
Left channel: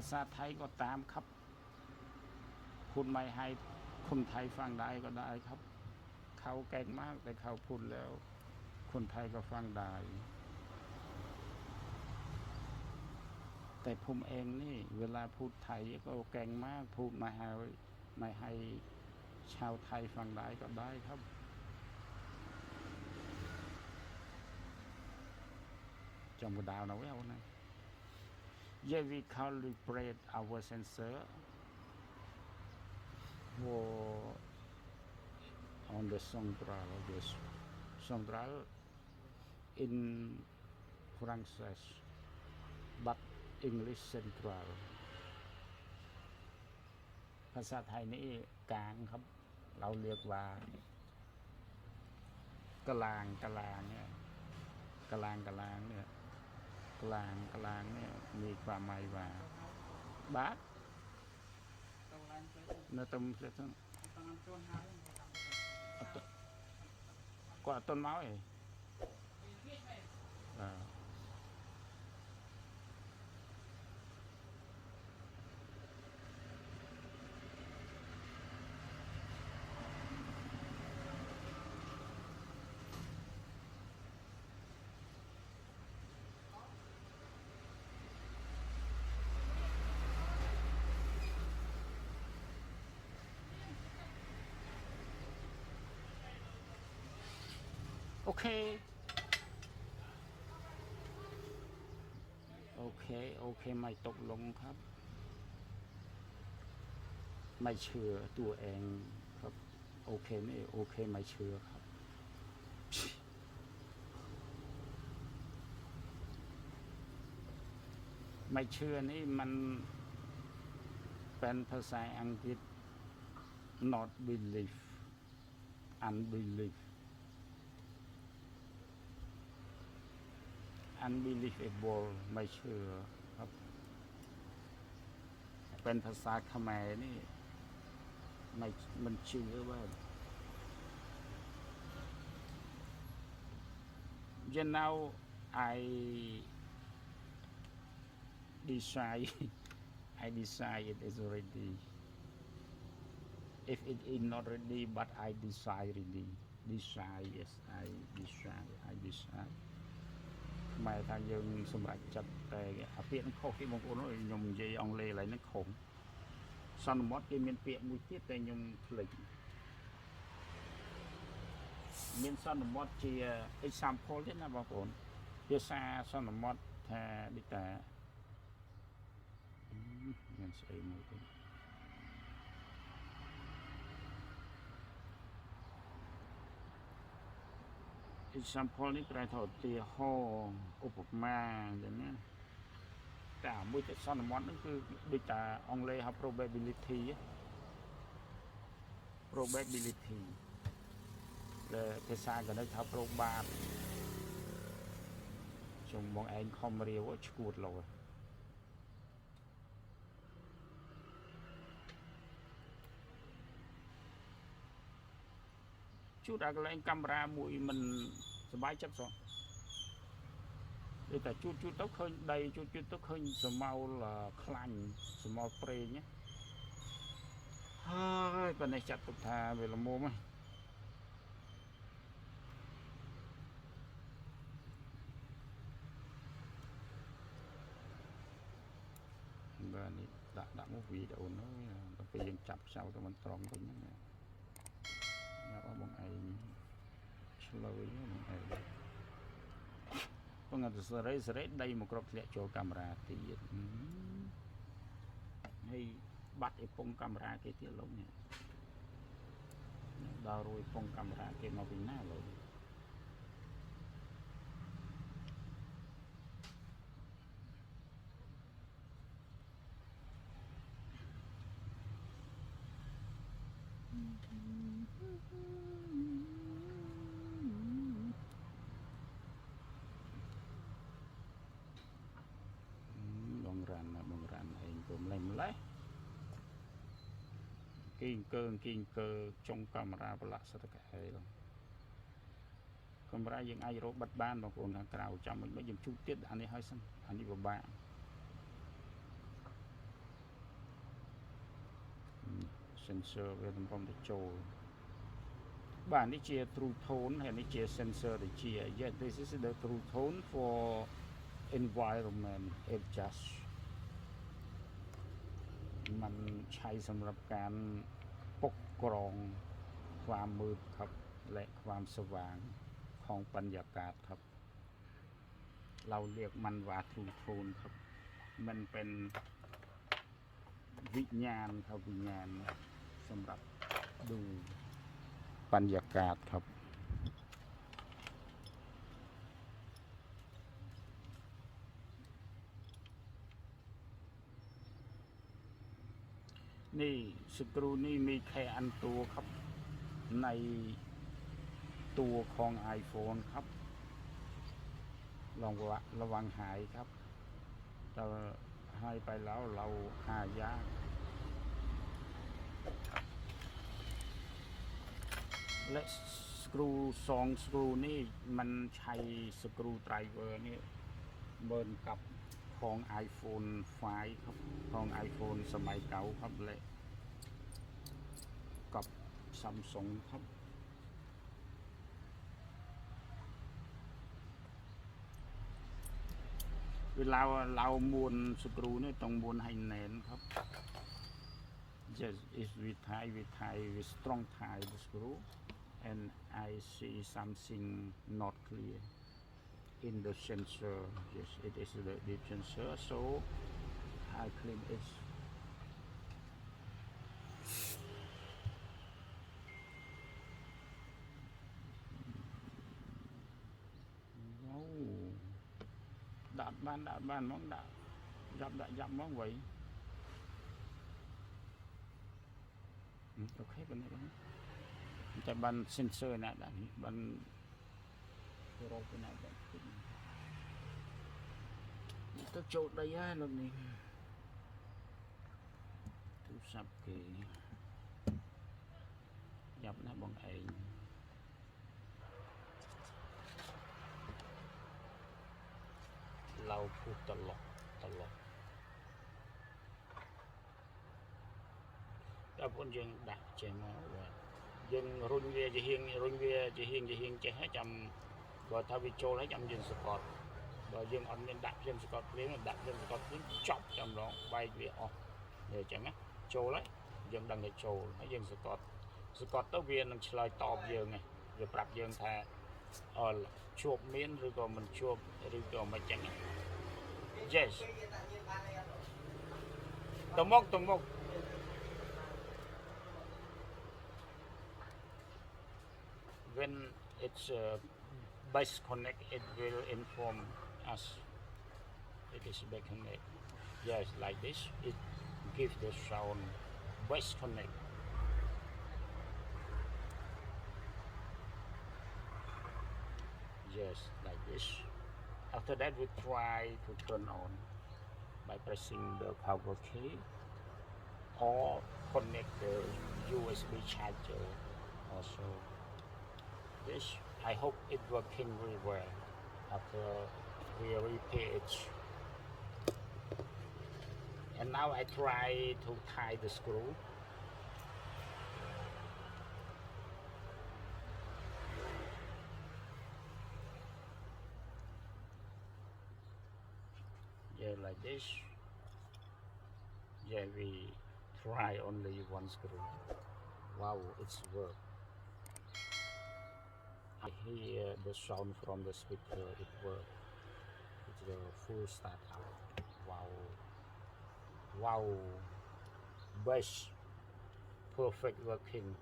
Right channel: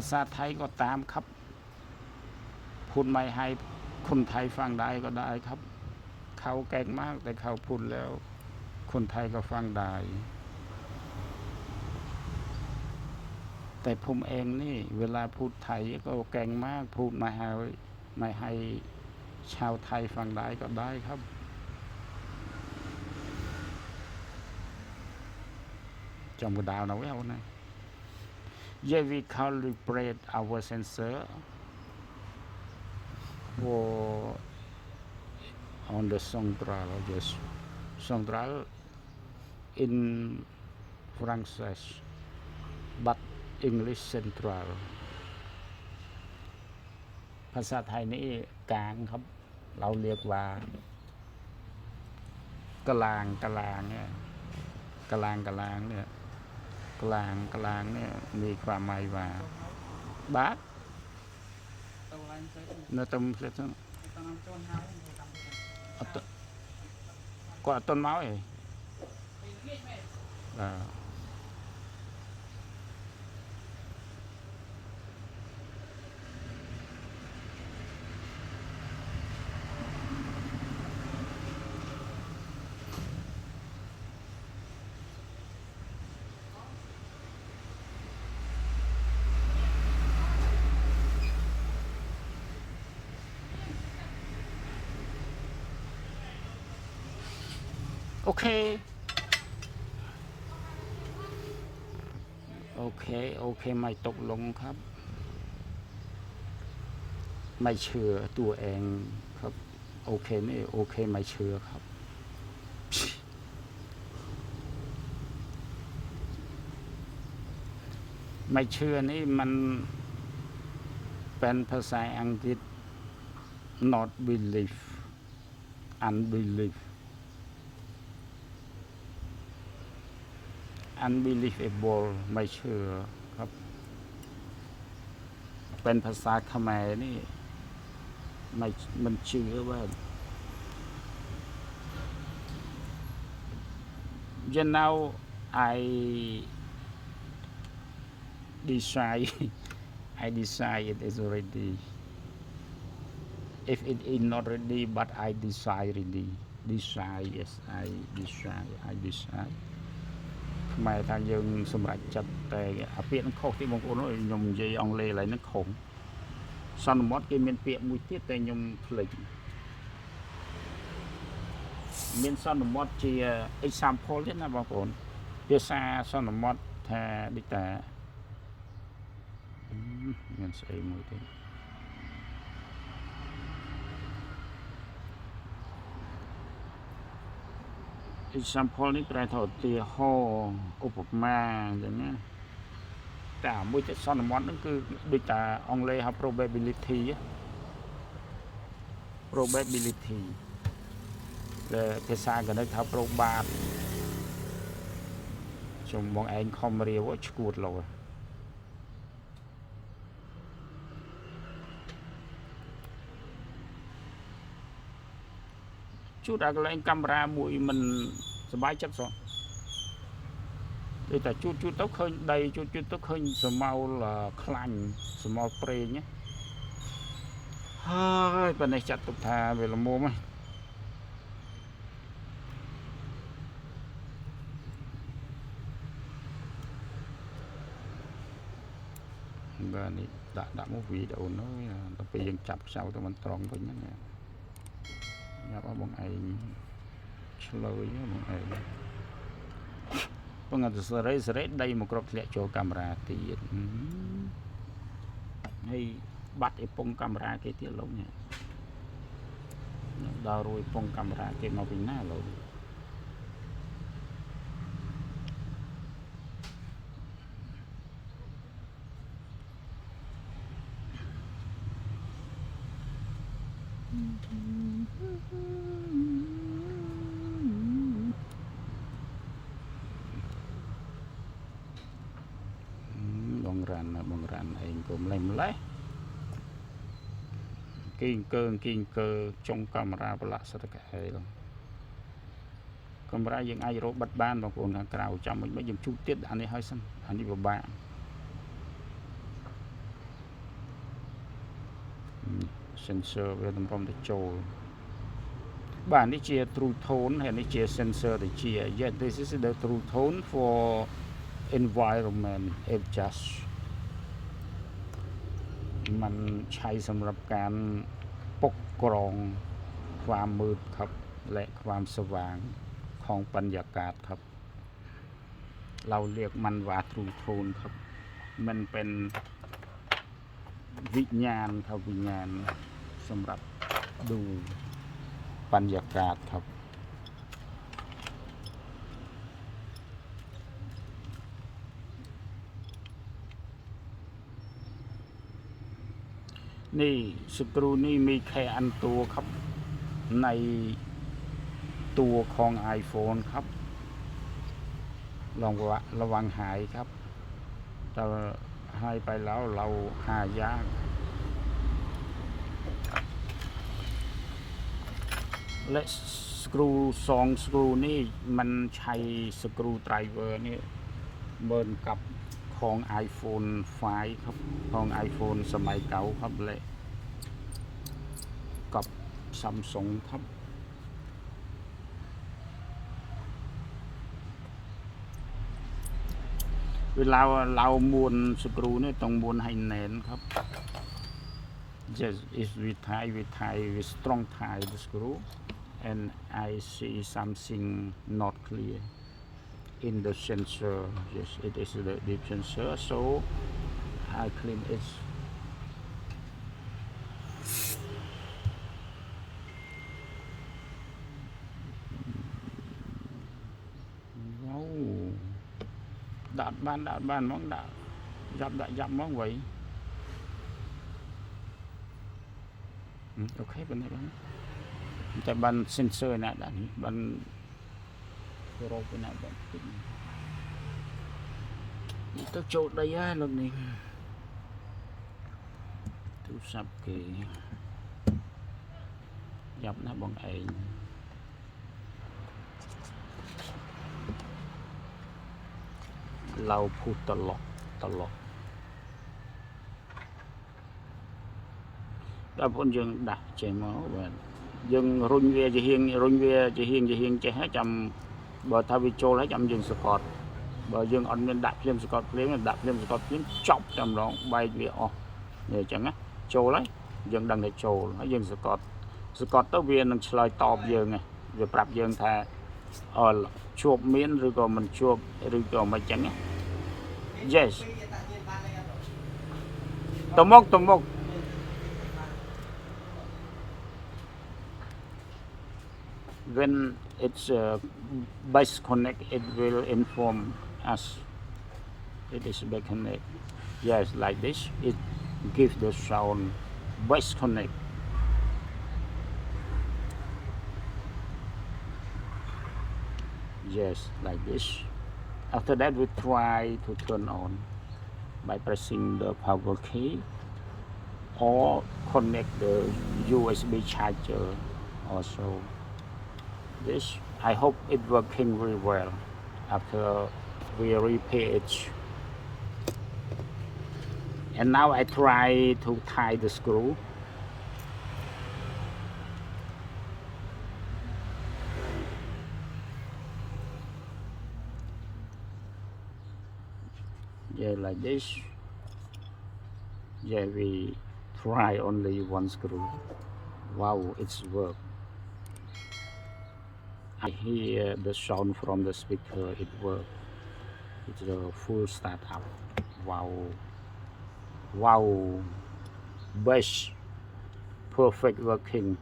ภาษาไทยก็ตามครับพูดไม่ให้คนไทยฟังได้ก็ได้ครับเขาเก่งมากแต่เขาพูดแล้วคนไทยก็ฟังได้แต่ผมเองนี่เวลาพูดไทยก็เก่งมากพูดไม่ให้ชาวไทยฟังได้ก็ได้ครับจำกระดาวนะเว้ยนะYeah, we calibrate our sensor for on the central, yes, central in French, but English central. ภาษาไทยนี่กลางครับเราเรียกว่ากลางเนี่ยกลางเนี่ยกลางเนี่ยมีความหมายว่าบาทเนื้อต้มเสร็จแล้วก็ต้นไม้โอเคไม่ตกลงครับไม่เชื่อตัวเองครับโอเคนี่โอเคไม่เชื่อครับไม่เชื่อนี่มันเป็นภาษาอังกฤษ not believe unbelievable ไม่เชื่อครับเป็นภาษาเขมรนี่มันเชื่อว่า you know I decide it is ready if it is not ready but I decide ready decide yes I decideหมายทางยังสมบัติจัดแต่เปลี่ยนข้อที่บางคนยมใจองเลอะไรนั่นของสนมอดกินเป็นเปียกมุ้ยที่แต่ยมผลิตเป็นสนมอดจีexample ที่นะบางคนเดี๋ยวซาสนมอดแทดิแต่เงินใส่มือที่example នេះប្រែថាឧទាហរណ៍ឧបមាអញ្ចឹងណាតែមួយចិត្តសន្មតហ្នឹងគឺដូចតែអង់គ្លេសហៅ probability ដែលភាសាកណិតហៅ probat ខ្ញុំបងឯងខំរៀវឈួតលោជួតអាកន្លែងកាមេរ៉ាមួយមិនសบายចិត្តសោះតែជួតទៅឃើញដីជួតទៅឃើញស្រមោលខ្លាញ់ស្រមោលប្រេងហ hơi bên này chặt tục thà về là mua mà bên này đã một video nó tập bây giờ chặt sau tụi mình tròn với nhá nè nhập ở bằng ai lời bằng ai bằng người sẽ đây một cặp lẹ cho camera thì hay bắt cái pong camera cái tiệt lâu nhỉ đào rồi pong camera cái màu bình na rồi bong ràn anh cũng làm lấy kinh cơ trong camera và lạ sao tất cả rồi camera những ai rồi bật ban bằng cuồng hàng cào trong mình mới dùng chút tiết anh ấy hơi xăm anh đi vào bạn sensor về tầm phong để trôi bản đi chia true tone hay đi chia sensor để chia yeah this is the true tone for environment adjust มันใช้สำหรับการปกครองความมืดครับและความสว่างของบรรยากาศครับเราเรียกมันว่าทรูโทนครับมันเป็นวิญญาณครับวิญญาณสำหรับดูบรรยากาศครับนี่สกรูนี่มีแค่อันตัวครับในตัวของ iPhone ครับลองระวังหายครับแต่หายไปแล้วเราหายากและสกรู2สกรูนี่มันใช้สกรูไดรเวอร์นี่เหมือนกับของ iPhone 5 ครับของ iPhone สมัยเก่าครับและกับ Samsung ครับเวลาเราม้วนสกรูนี่ต้องม้วนให้แน่นครับ Just is we strong tie the screw and I see something not clear in the sensor. Yes, it is the deep sensor, so I clean it. Wow, đạt ban món đã dặm món vậy. Ok bên này bạn. Tại ban sensor này đã ban pro bên này bạn. Tôi chốt đây á lần này tôi sắp kì dọc nó bằng ấyเราพูดตลอดแล้วพวกยังดักใจม้อแบบยังรุ่นเวียจะเฮียงจะให้จำบ่ทวิโจให้จำยังสกอตบ่ยังอันเป็นดักเล่มสกอตเพลงดักเล่มสกอตเพลงจบจำร้องใบเวียอ๋อเนี่ยจังนะโจเลยยังดังในโจให้ยังสกอตตัวเวียนลอยตอบยังไงเวียปรับยังแท้ชวบเมียนหรือก็มันชวบหรือก็ไม่จังนะyes ตมกwhen it's base connect it will inform us it is base connect yes like this it gives the sound base connect yes like this after that we try to turn on by pressing the power key or connect the USB charger also this I hope it working very well after we repair it and now I try to tie the screw Yeah, like this. Yeah, we try only one screw. Wow, it's work. I hear the sound from the speaker. It works. It's a full startup. Wow, wow, best, perfect working.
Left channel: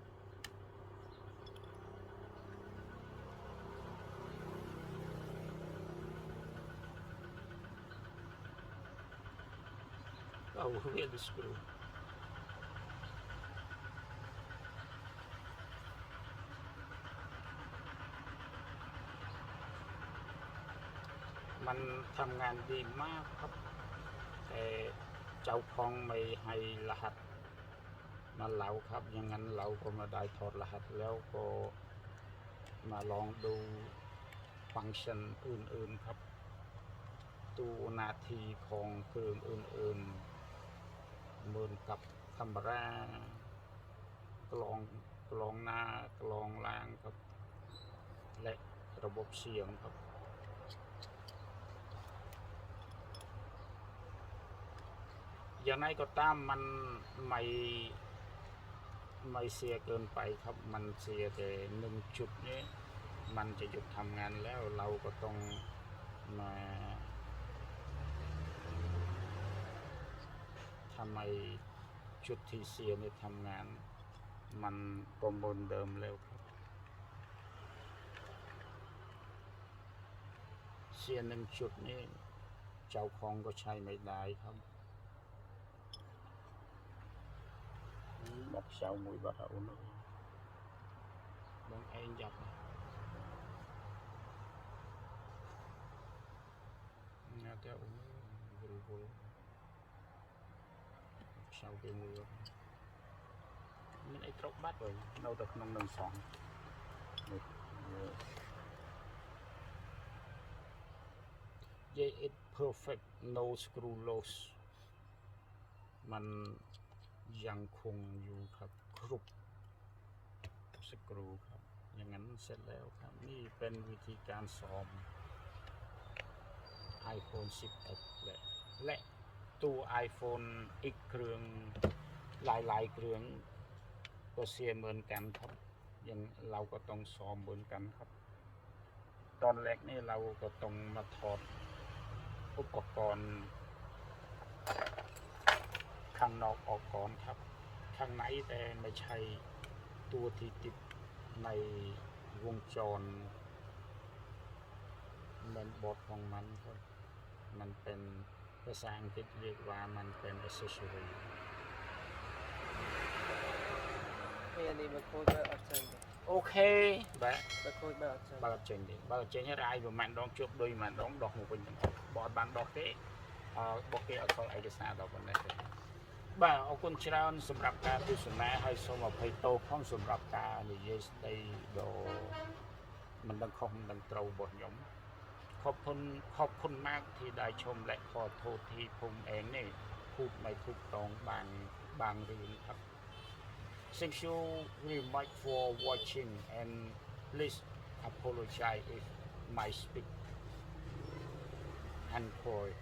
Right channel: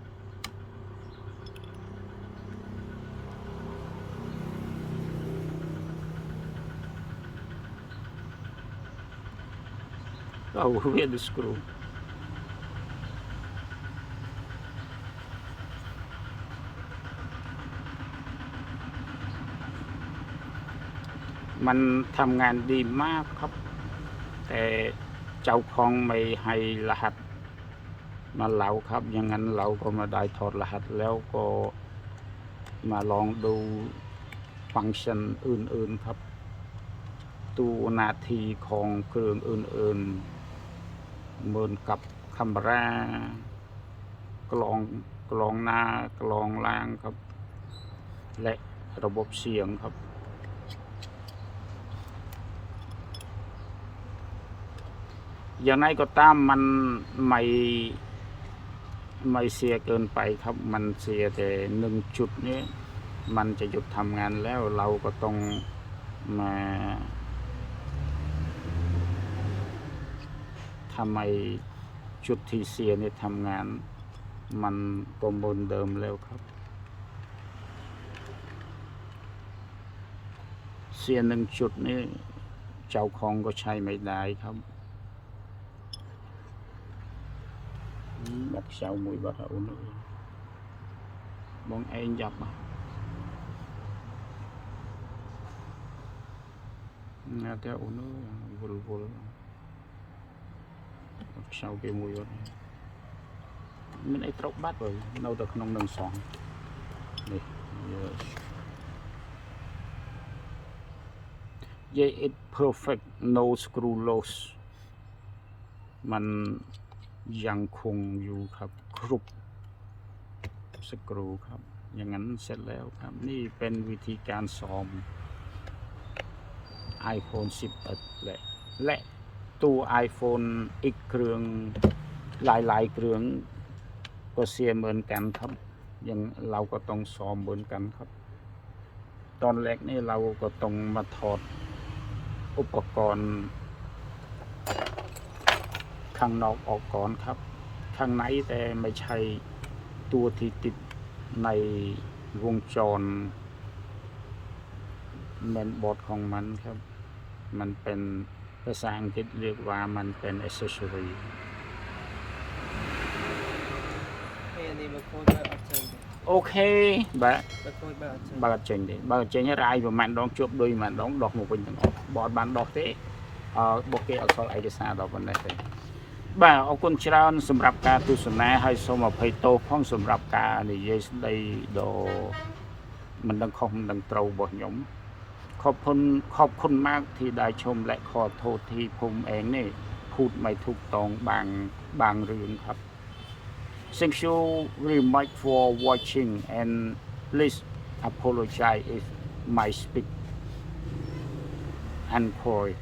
Oh, where the screw? มันทำงานดีมากครับแต่เจ้าของไม่ให้รหัสมาเราครับอย่างนั้นเราก็มาได้ถอดรหัสแล้วก็มาลองดูฟังก์ชันอื่นๆครับตัวนาทีของเครื่องอื่นๆเหมือนกับคัมรากลองหน้ากลองล่างครับและระบบเสียงครับอย่างไรก็ตามมันไม่เสียเกินไปครับมันเสียแต่1 จุดนี้มันจะหยุดทำงานแล้วเราก็ต้องมาทำไมจุดที่เสียเนี่ยทำงานมันตัวเหมือนเดิมแล้วครับเสีย1 จุดนี้เจ้าของก็ใช้ไม่ได้ครับบัดเช้าមួយបាត់អូនបងឯងចាប់ណាតែអូនវល់បាត់เช้าគេមួយបាត់មានអីត្រូវបាត់ហើយនៅតែក្នុងនឹងសងនេះYeah, it perfect no screw loss มันยังคงอยู่ครับครุบสกรูครับอย่างนั้นเสร็จแล้วครับนี่เป็นวิธีการซ้อม iPhone 11และตัว iPhone อีกเครื่องหลายเครื่องก็เสียเหมือนกันครับอย่างเราก็ต้องซ้อมเหมือนกันครับตอนแรกนี่เราก็ต้องมาถอดอุปกรณ์ข้างนอกออกก่อนครับข้างในแต่ไม่ใช่ตัวที่ติดในวงจรแมนบอร์ดของมันครับมันเป็นภาษาอังกฤษเรียกว่ามันเป็น accessory โอเคបើអត់ចេញទេបើអត់ចេញរាយប្រហែលដងជួបដូចប្រហែលដងដកមកវិញទាំងអស់បើអត់បានដកទេបុកគេអត់សល់ឯកសារដល់ប៉ុណ្ណេះទេបាទអរគុណច្រើនសម្រាប់ការទស្សនាហើយសូមអភ័យទោសផងសម្រាប់ការនិយាយស្ដីដ៏មិនដឹងខុសមិនដឹងត្រូវរបស់ខ្ញុំขอบคุณมากที่ได้ชมและขอโทษที่ผมเองนี่พูดไม่ถูกต้องบางเรื่องครับ Thank you very much for watching and please apologize if my speak uncorrect